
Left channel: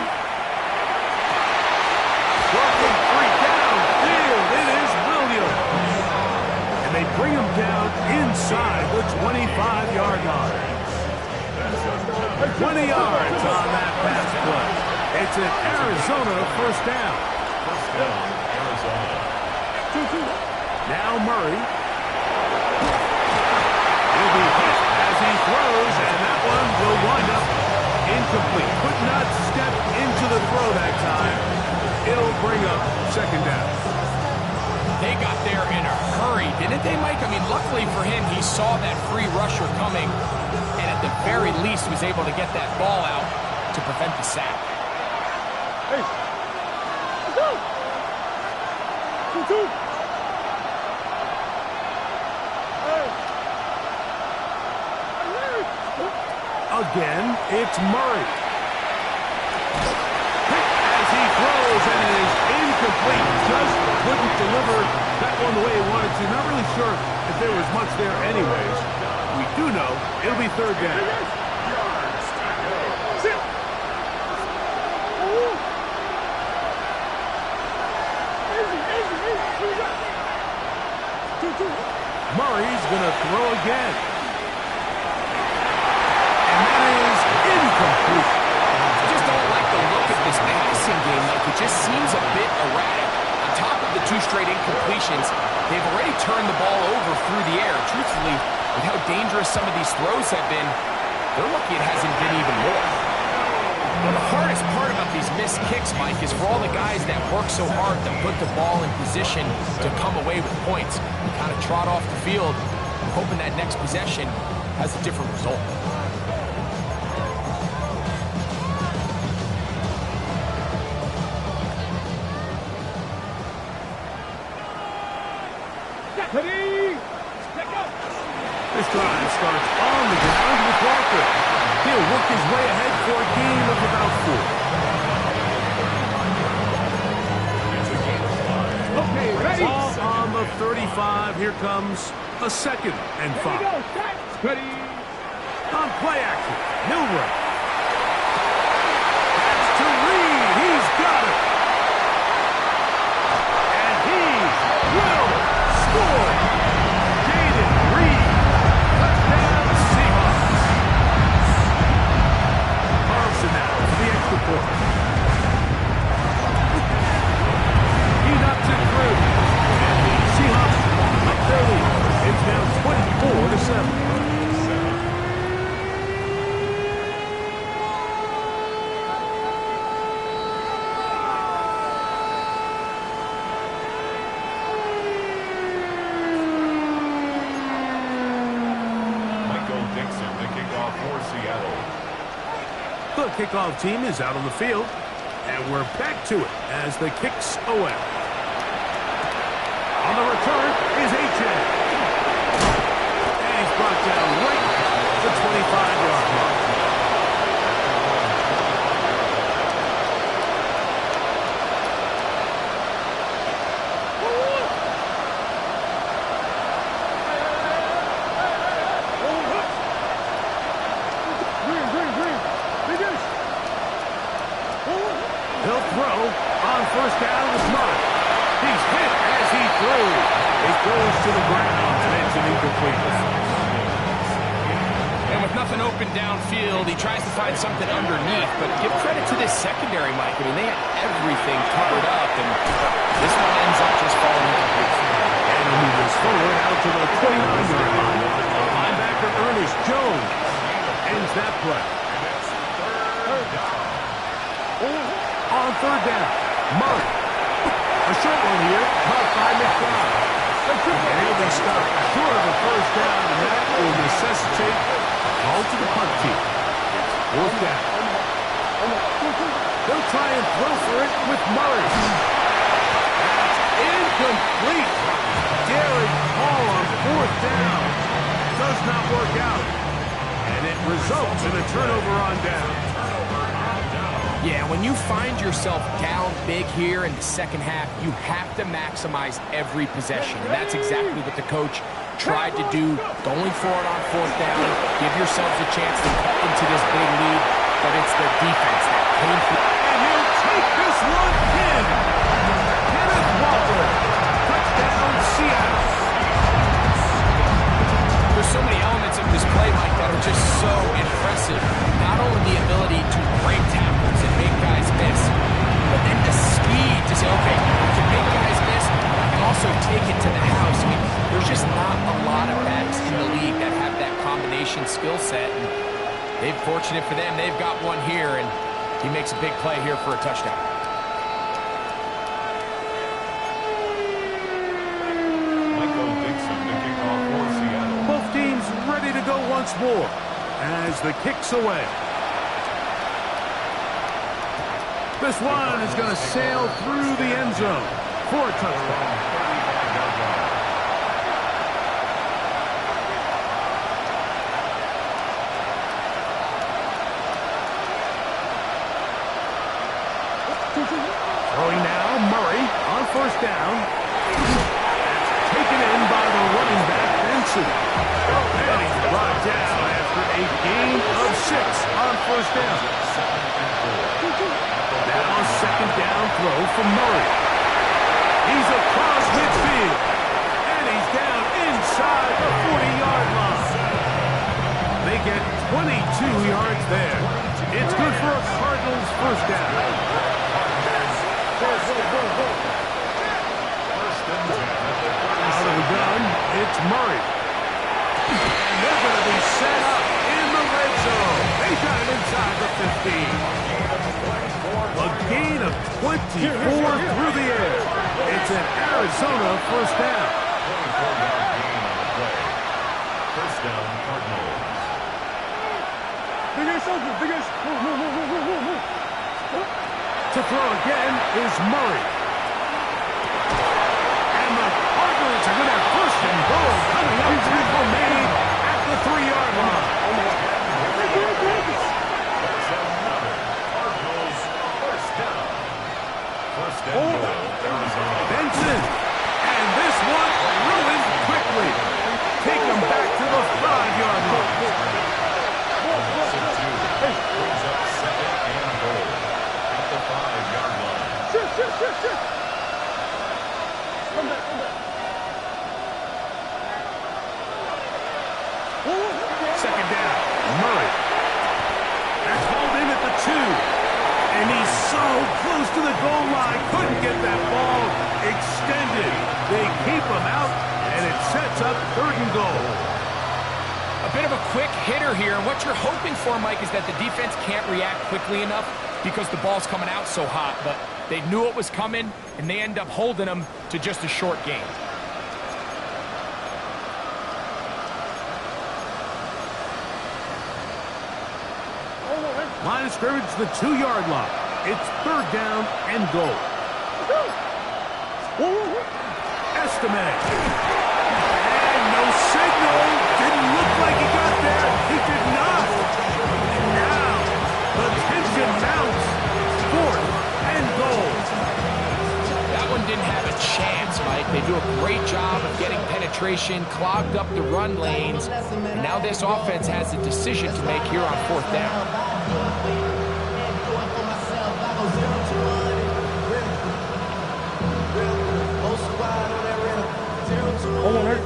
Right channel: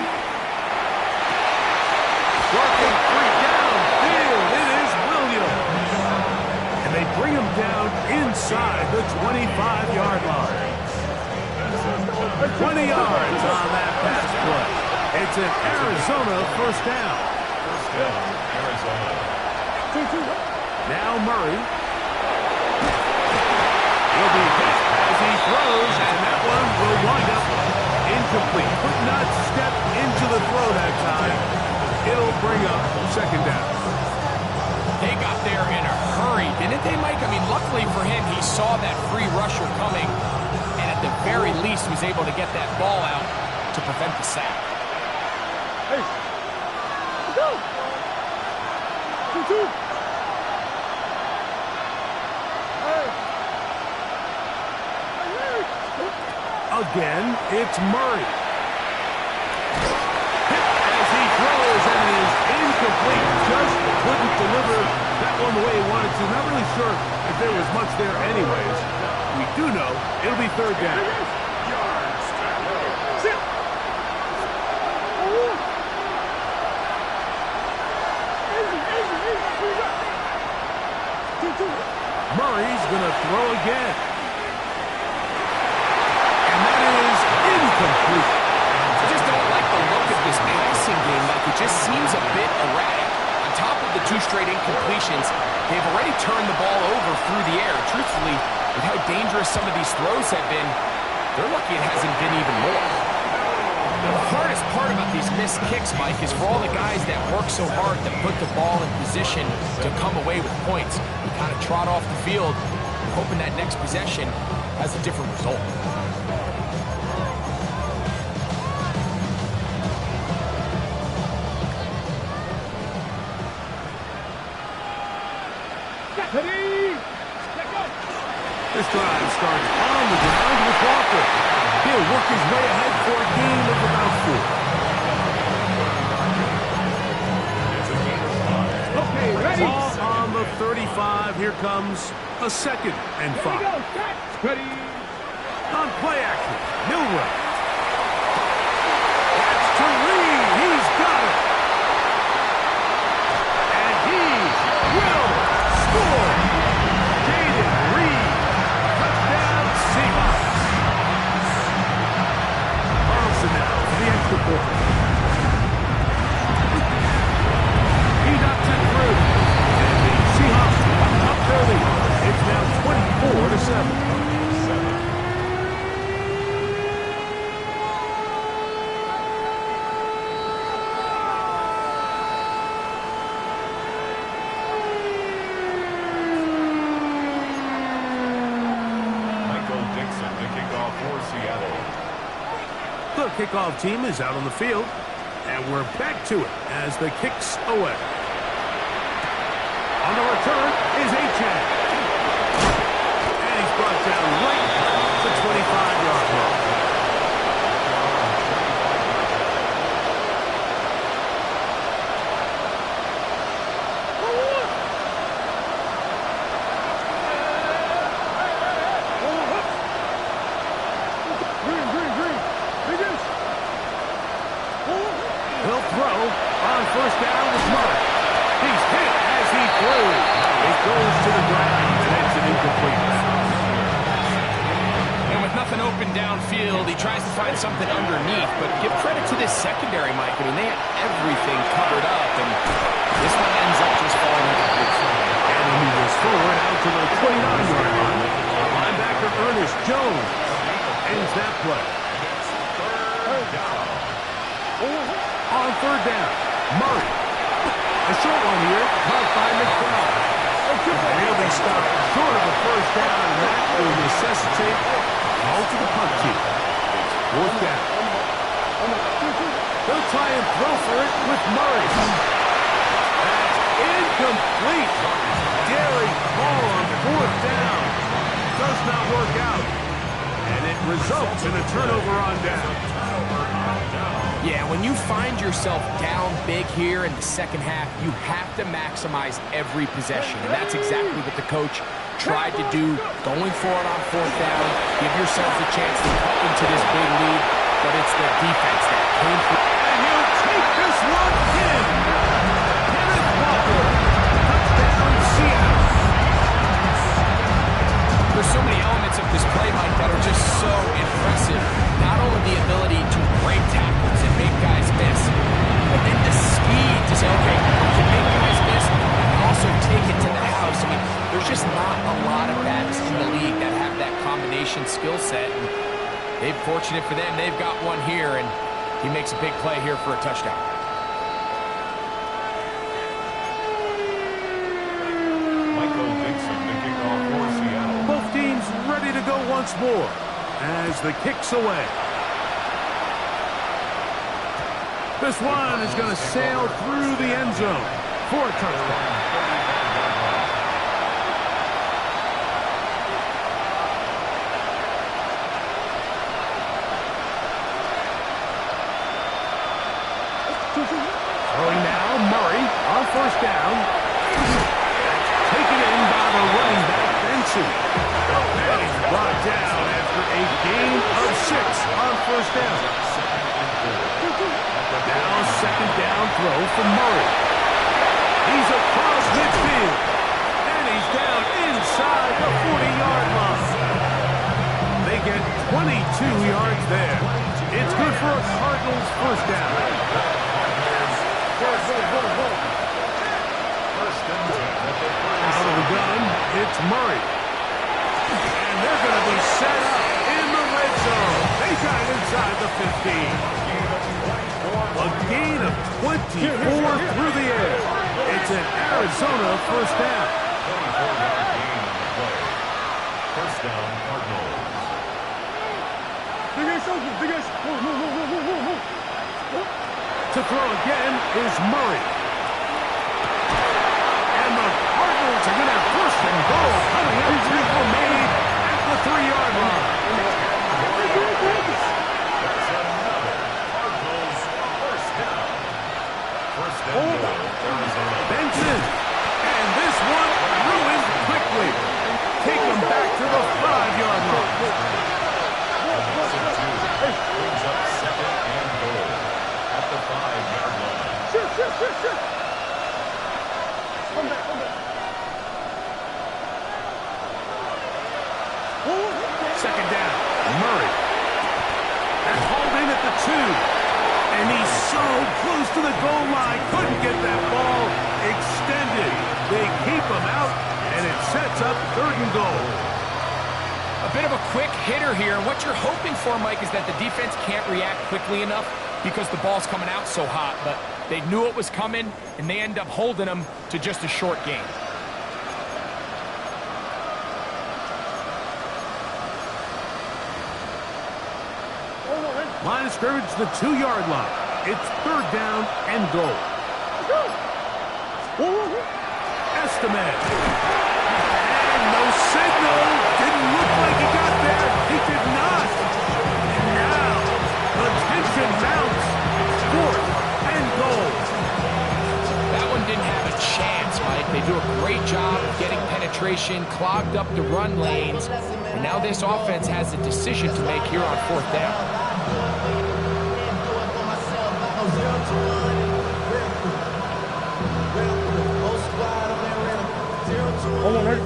Working free downfield. It is Williams. And they bring him down inside the 25-yard line. 20 yards on that pass play. It's an Arizona first down. First down, Arizona. Now Murray. He'll be hit as he throws, and that one will wind up incomplete. Could not step into the throw that time. It'll bring up second down. They got there in a hurry, didn't they, Mike? I mean, luckily for him, he saw that free rusher coming, and at the very least was able to get that ball out to prevent the sack. Hey, let's go. 2-2. Again, it's Murray. Hit as he throws, and it is incomplete. Just couldn't deliver that one the way he wanted to. Not really sure if there was much there anyways. We do know it'll be third down. Sit. Murray's going to throw again. And that is incomplete. I just don't like the look of this passing game, Mike. It just seems a bit erratic. On top of the 2 straight incompletions, they've already turned the ball over through the air. Truthfully, with how dangerous some of these throws have been, they're lucky it hasn't been even more. Now, the hardest part about these missed kicks, Mike, is for all the guys that work so hard to put the ball in position to come away with points. You kind of trot off the field, hoping that next possession has a different result. This drive starts on the ground with Walker. He'll work his way ahead for a gain of about 4. Okay, ready? Ball on the 35. Here comes a 2nd and 5. Ready? On play action, Milrow. That's to Reed. He's got it. And he will score. Reed, touchdown Seahawks. Carlson now for the extra point. He knocks it through, and the Seahawks up their lead. It's now 24-7. The kickoff for Seattle. The kickoff team is out on the field. And we're back to it as the kick's away. On the return is H.N. And he's brought down right at the 25-yard line. He'll throw on first down with Murray. He's hit as he threw. It goes to the ground, and it's an incomplete pass. And with nothing open downfield, he tries to find something underneath. But give credit to this secondary, Mike. I mean, they had everything covered up, and this one ends up just falling incomplete. And he'll move this forward out to the 29-yard line. Linebacker Ernest Jones ends that play. And it's third down. On third down, Murray. A short one here, caught by McBride. And he'll be stopped short of a first down, and that will necessitate a call to the punt team. It's fourth down. They'll try and throw for it with Murray. That's incomplete. Daring call on fourth down. Does not work out. And it results in a turnover on down. Yeah, when you find yourself down big here in the second half, you have to maximize every possession. And that's exactly what the coach tried to do, going for it on fourth down. Give yourselves a chance to cut into this big lead, but it's the defense that came through. And he'll take this one in. Kenneth Walker. Touchdown, Seattle. There's so many elements of this play, Mike, that are just so impressive. Not only the ability to break tackles and make guys miss, but then the speed to say, okay, I can make guys miss, but I can also take it to the house. I mean, there's just not a lot of backs in the league that have that combination skill set. And they're fortunate for them. They've got one here, and he makes a big play here for a touchdown. Both teams ready to go once more as the kick's away. This one is going to sail through the end zone for a touchdown. Throwing now, Murray on first down. Taken in by the running back, Benson. And he's brought down after a gain of 6 on first down. Now a second down throw from Murray. He's across midfield. And he's down inside the 40-yard line. They get 22 yards there. It's good for a Cardinals first down. Out of the gun, it's Murray. And they're going to be set up in the red zone. They got it inside the 15. A gain of 24 through the air. It's an Arizona first down. 24-yard gain on the play. First down, Cardinals. To throw again is Murray. And the Cardinals are going to have first and goal coming up. Tackle made at the 3-yard line. That's another Cardinals first down. First and goal, Arizona. Benson. And this one ruined quickly. Take them back to the 5-yard line. Brings up second and goal at the 5-yard line. Come back. Second down, Murray. They're called in at the 2. And he's so close to the goal line. Couldn't get that ball extended. They keep him out, and it sets up third and goal. A bit of a quick hitter here, and what you're hoping for, Mike, is that the defense can't react quickly enough because the ball's coming out so hot, but they knew it was coming, and they end up holding them to just a short gain. Line of scrimmage, the 2-yard line. It's third down and goal. Estimate. And no signal. Didn't look like he got there. He did not. And now the tension mounts. Fourth and goal. That one didn't have a chance, Mike. They do a great job of getting penetration, clogged up the run lanes, and now this offense has a decision to make here on fourth down.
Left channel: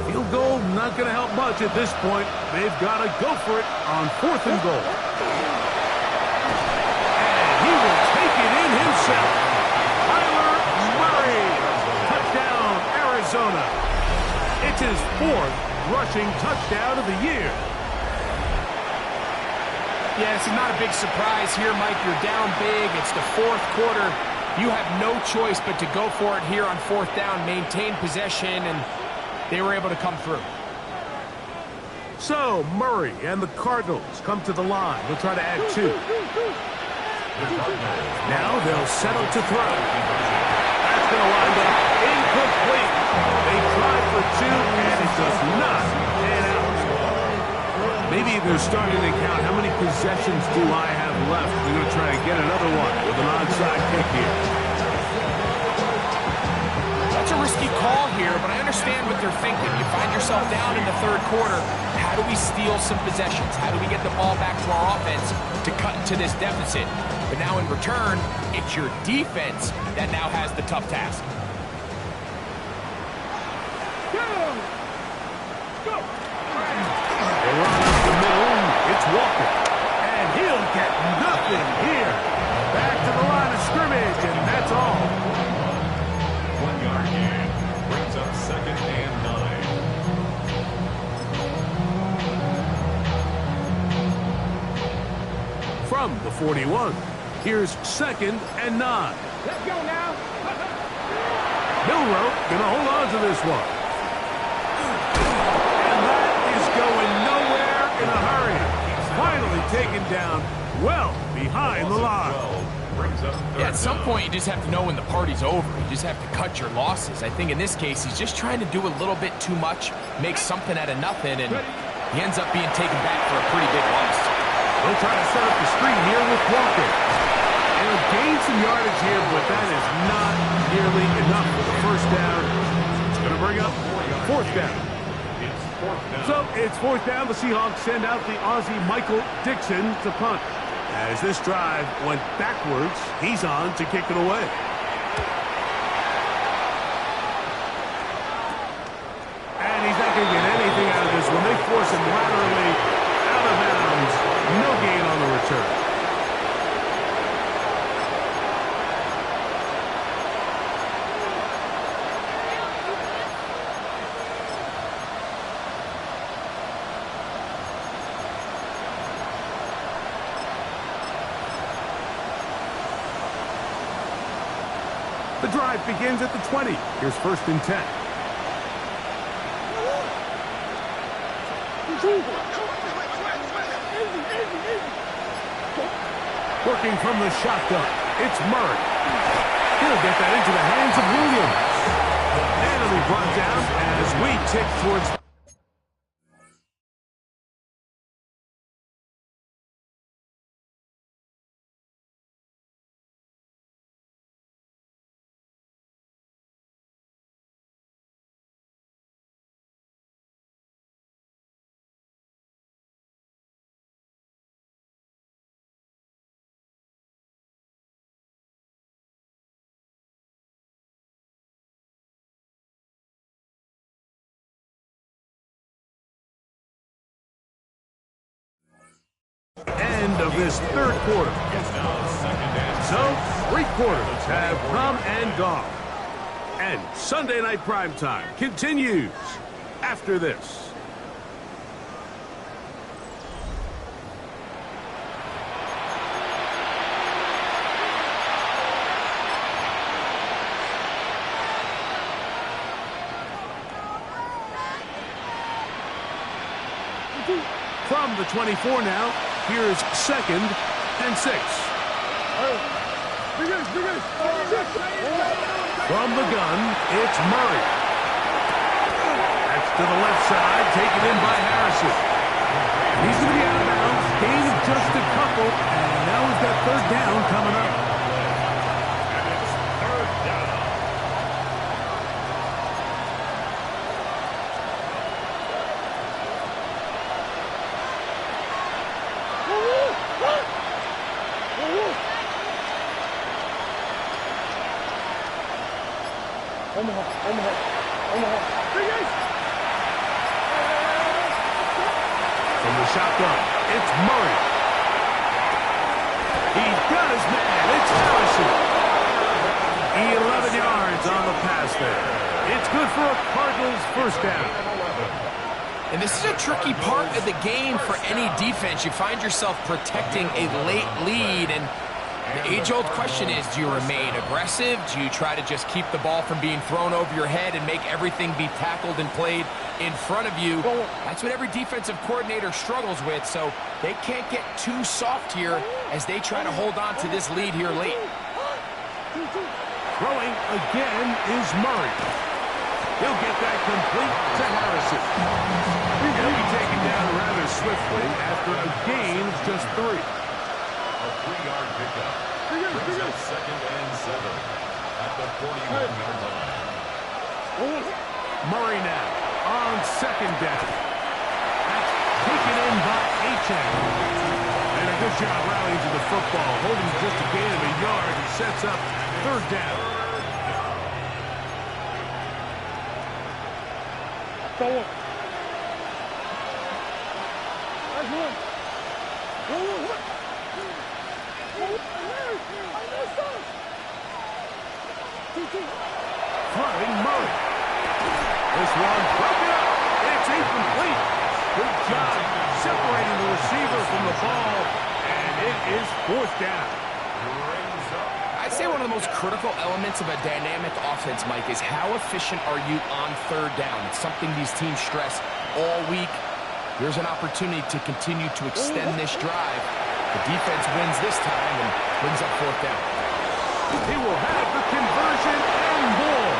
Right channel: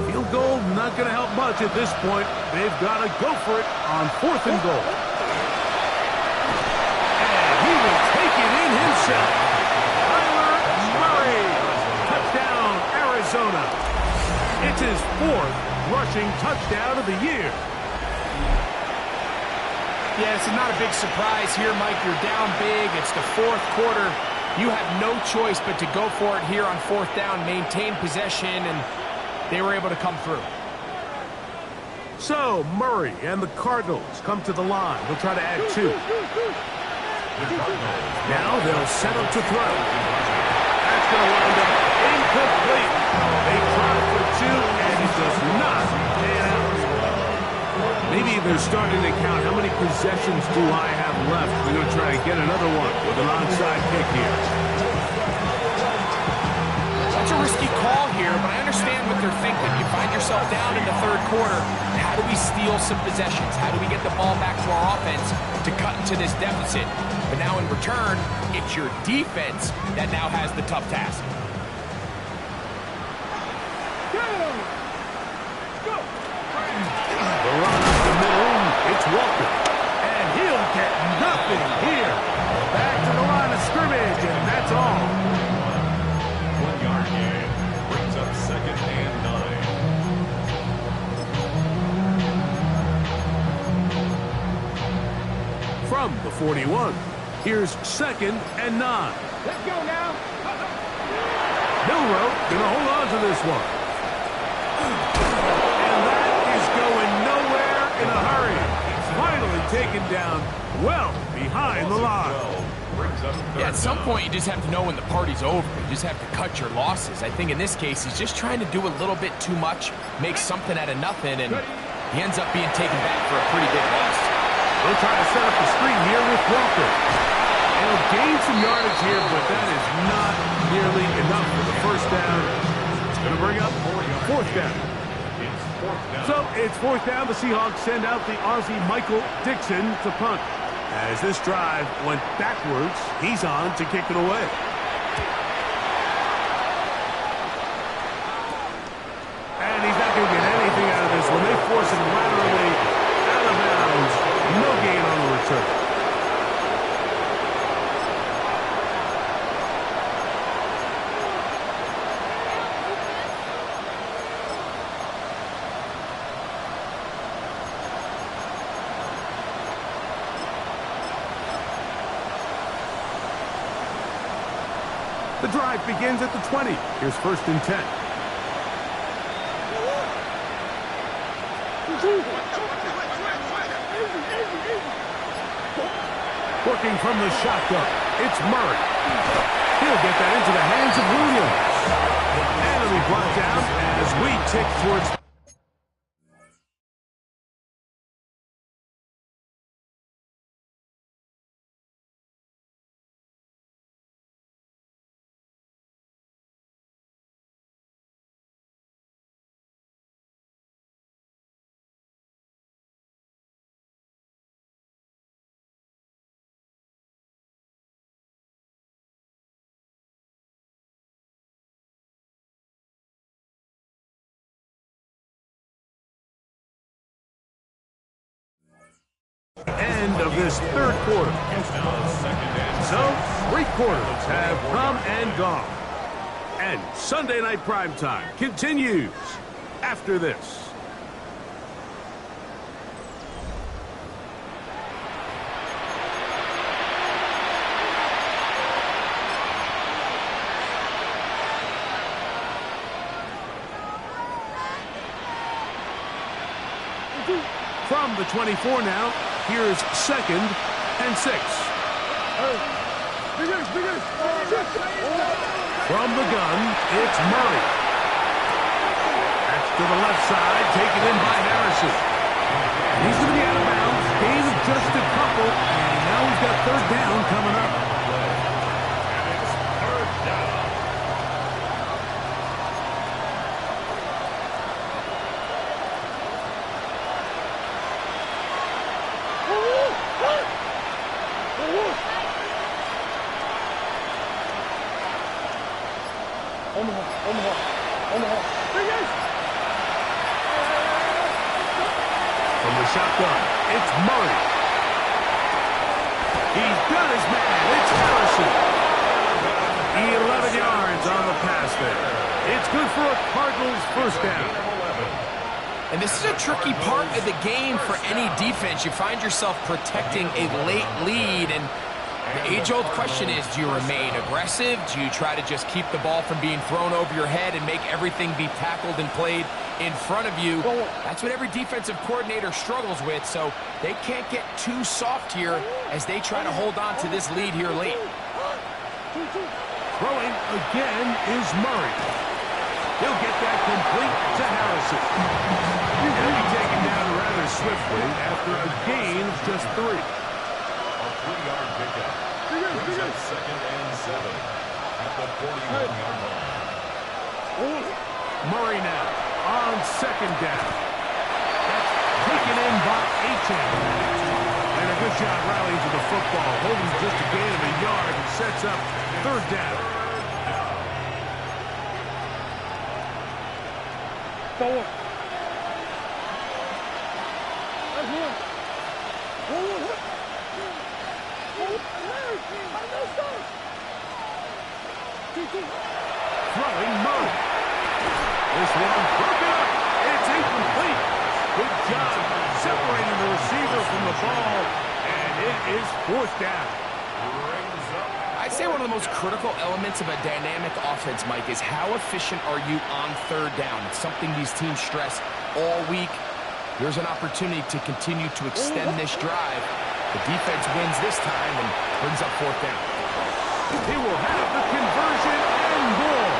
Field goal not going to help much at this point. They've got to go for it on fourth and goal. And he will take it in himself. Touchdown, Arizona. It's his fourth rushing touchdown of the year. Yeah, this is not a big surprise here, Mike. You're down big. It's the fourth quarter. You have no choice but to go for it here on fourth down, maintain possession, and they were able to come through. So, Murray and the Cardinals come to the line. They'll try to add two. Now they'll settle to throw. That's going to wind up incomplete. They tried for two, and it does not pan out. Maybe they're starting to count how many possessions do I have left. They're going to try to get another one with an onside kick here. That's a risky call here, but I understand what they're thinking. You find yourself down in the third quarter. How do we steal some possessions? How do we get the ball back to our offense to cut into this deficit? But now in return, it's your defense that now has the tough task. The run up the middle, it's Walker. And he'll get nothing here. Back to the line of scrimmage, and that's all. 1 yard gain. Brings up second and 9. From the 41, here's second and 9. Let's go now. Milroe going to hold on to this one. And that is going nowhere in a hurry. Finally taken down well behind the line. Yeah, at some point you just have to know when the party's over. You just have to cut your losses. I think in this case he's just trying to do a little bit too much, make something out of nothing, and he ends up being taken back for a pretty big loss. They'll try to set up the screen here with Walker. And he'll gain some yardage here, but that is not nearly enough for the first down. It's going to bring up fourth down. So it's fourth down. The Seahawks send out the Aussie Michael Dixon to punt. As this drive went backwards, he's on to kick it away. And he's not going to get anything out of this one. They force him laterally out of bounds. No gain on the return. The drive begins at the 20. Here's first and 10. Working from the shotgun, it's Murray. He'll get that into the hands of Williams. And it'll be brought down as we tick towards... end of this third quarter. So, 3 quarters have come and gone. And Sunday Night Primetime continues after this. From the 24 now, here's second and 6. From the gun, it's Murray. That's to the left side, taken in by Harrison. He's going to be out of bounds. Gain of just a couple, and now we've got third down coming up. And it's third down. From the shotgun, it's Murray. He's got his man. It's Harrison. 11 yards on the pass there. It's good for a Cardinals first down. And this is a tricky part of the game for any defense. You find yourself protecting a late lead, and the age-old question is, do you remain aggressive? Do you try to just keep the ball from being thrown over your head and make everything be tackled and played in front of you? That's what every defensive coordinator struggles with, so they can't get too soft here as they try to hold on to this lead here late. Throwing again is Murray. He'll get that complete to Harrison. He'll be taken down rather swiftly after a gain of just 3. A 3-yard pickup. Brings up second and 7 at the 41-yard line. Murray now on second down. That's taken in by Achane. And a good job rallying to the football, holding just a gain of a yard and sets up third down. Forward. Throwing Murray. This one broken up. It's incomplete. Good job separating the receiver from the ball, and it is fourth down. I'd say one of the most critical elements of a dynamic offense, Mike, is how efficient are you on third down. It's something these teams stress all week. Here's an opportunity to continue to extend this drive. The defense wins this time and brings up fourth down. He will have the conversion and more.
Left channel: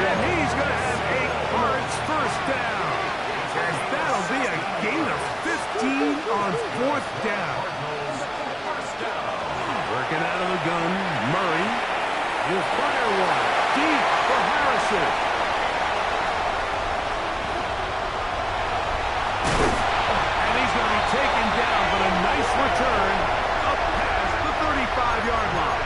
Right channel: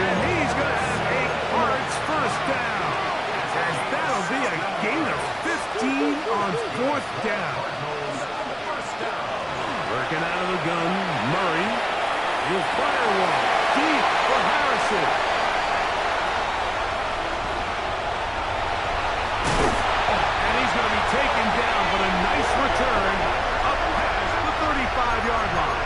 And he's going to have a Cards first down. And that'll be a gain of 15 on fourth down. Working out of the gun, Murray. He'll fire one deep for Harrison. And he's going to be taken down, but a nice return up past the 35-yard line.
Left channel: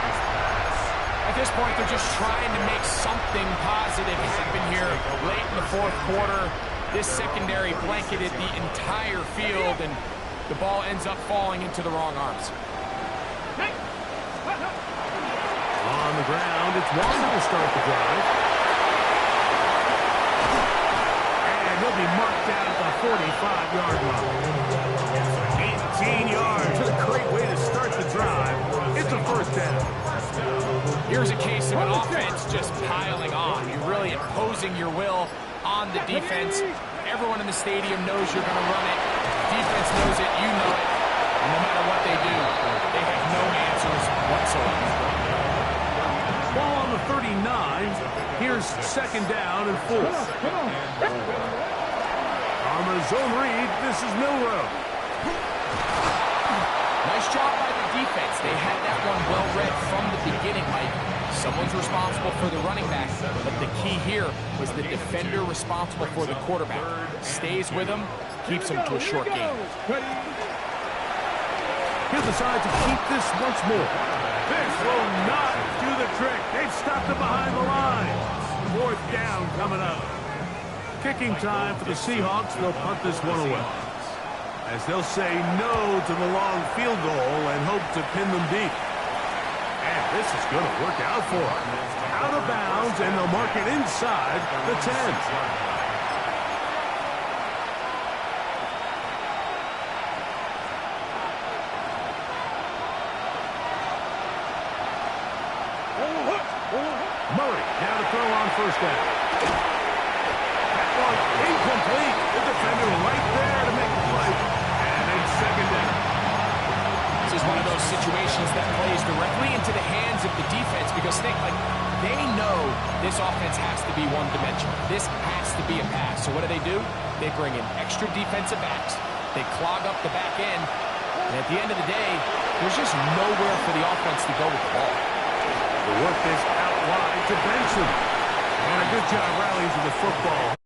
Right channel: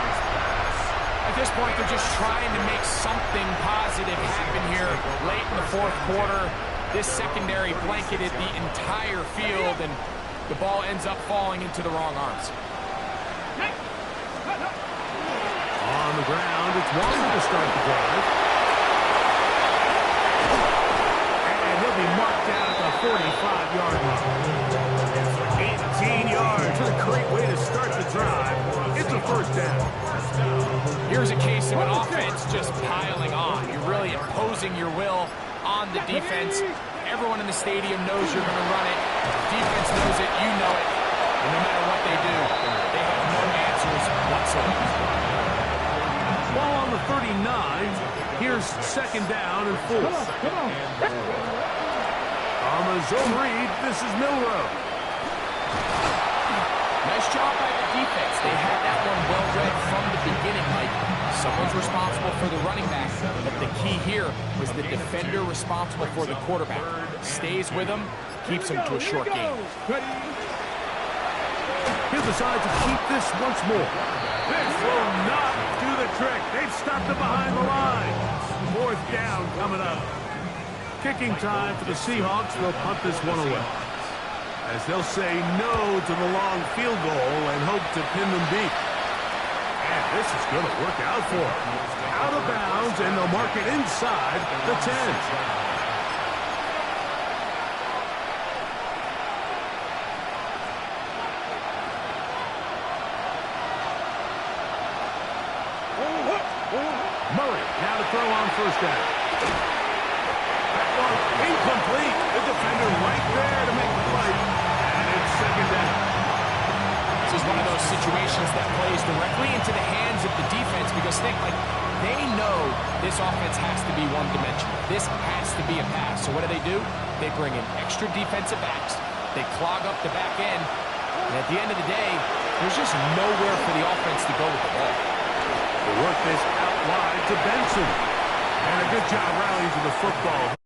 At this point, they're just trying to make something positive happen here late in the fourth quarter. This secondary blanketed the entire field, and the ball ends up falling into the wrong arms. On the ground, it's Wander to start the drive. And he'll be marked down at the 45-yard line. 18 yards. What a great way to start the drive. It's a first down. Here's a case of an offense just piling on. You're really imposing your will on the defense. Everyone in the stadium knows you're going to run it. Defense knows it. You know it. And no matter what they do, they have no answers whatsoever. Ball on the 39. Here's second down and 4. On the zone read, this is Milrow. Nice job by the defense. They had that one well read from the beginning, Mike. Someone's responsible for the running back, but the key here was the defender responsible for the quarterback. Stays with him, keeps him to a short game. He'll decide to keep this once more. This will not do the trick. They've stopped it behind the line. Fourth down coming up. Kicking time for the Seahawks. They'll punt this one away, as they'll say no to the long field goal and hope to pin them deep. And this is going to work out for them. Out of bounds, and they'll mark it inside the 10. Murray now to throw on first down. That one incomplete. The defender right there to make the play. And it's second down. This is one of those situations that plays directly into the hands of the defense because they know this offense has to be one-dimensional. This has to be a pass. So what do? They bring in extra defensive backs. They clog up the back end. And at the end of the day, there's just nowhere for the offense to go with the ball. They work this out wide to Benson. And a good job rallying to the football.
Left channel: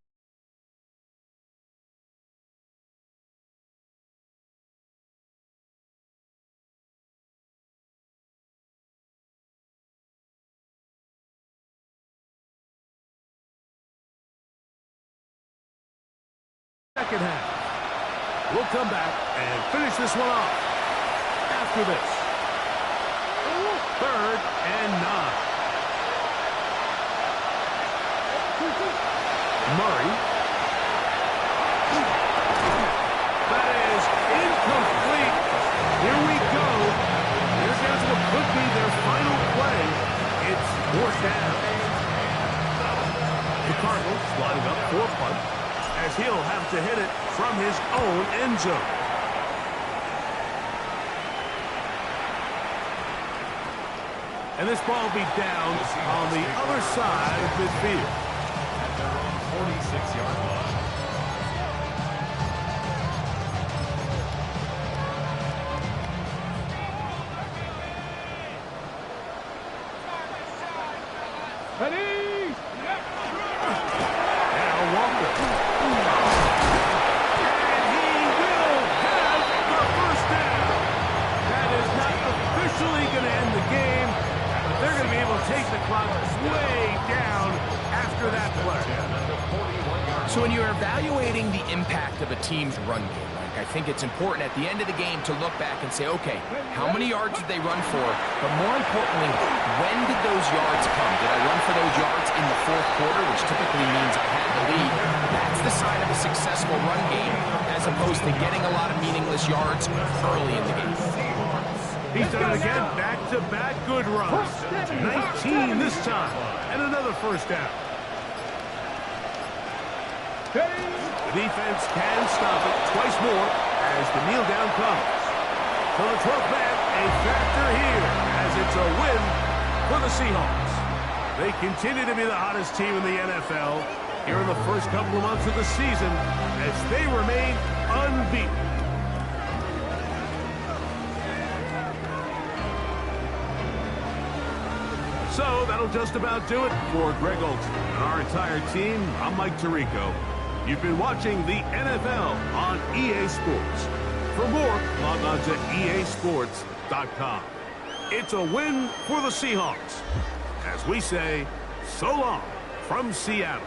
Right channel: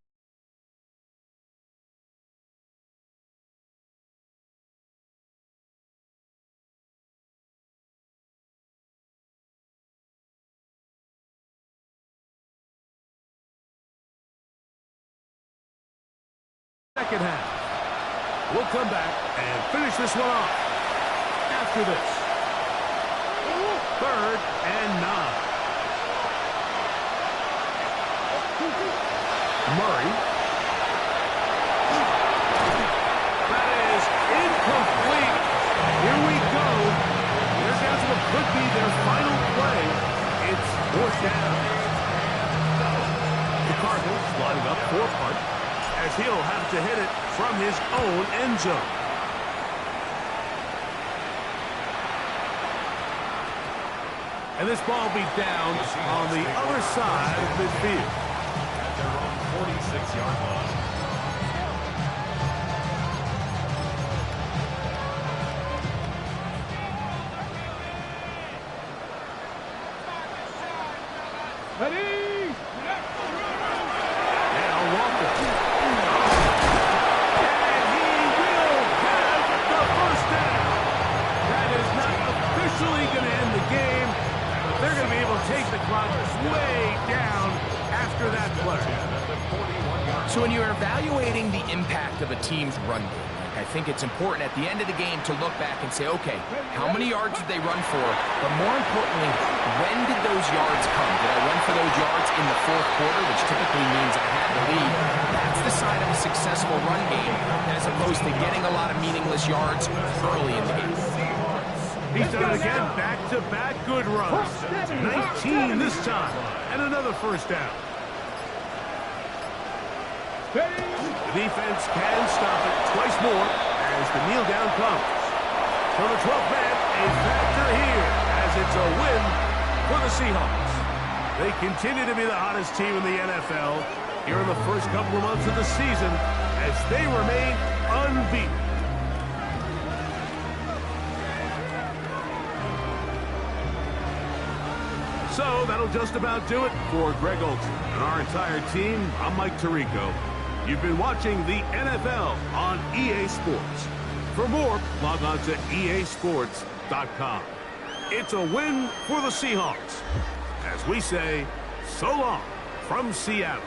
Second half. We'll come back and finish this one off after this. 3rd and 9. Murray. That is incomplete. Here we go. There's down to what could be their final play. It's 4th down. The Cardinals lining up for a punt, as he'll have to hit it from his own end zone. And this ball be down on the other side of midfield. At their own 46-yard line. Ready? Now Walker. And he will have the first down. That is not officially going to end the game, but they're going to be able to take the clock way down after that play. So when you're evaluating the impact of a team's run game, I think it's important at the end of the game to look back and say, okay, how many yards did they run for? But more importantly, when did those yards come? Did I run for those yards in the 4th quarter, which typically means I had the lead? That's the sign of a successful run game, as opposed to getting a lot of meaningless yards early in the game. He's done it again, back-to-back good runs. 19 this time, and another first down. The defense can stop it twice more as the kneel down comes. So the 12th man, a factor here as it's a win for the Seahawks. They continue to be the hottest team in the NFL here in the first couple of months of the season as they remain unbeaten. So that'll just about do it for Greg Olson and our entire team. I'm Mike Tirico. You've been watching the NFL on EA Sports. For more, log on to easports.com. It's a win for the Seahawks. As we say, so long from Seattle.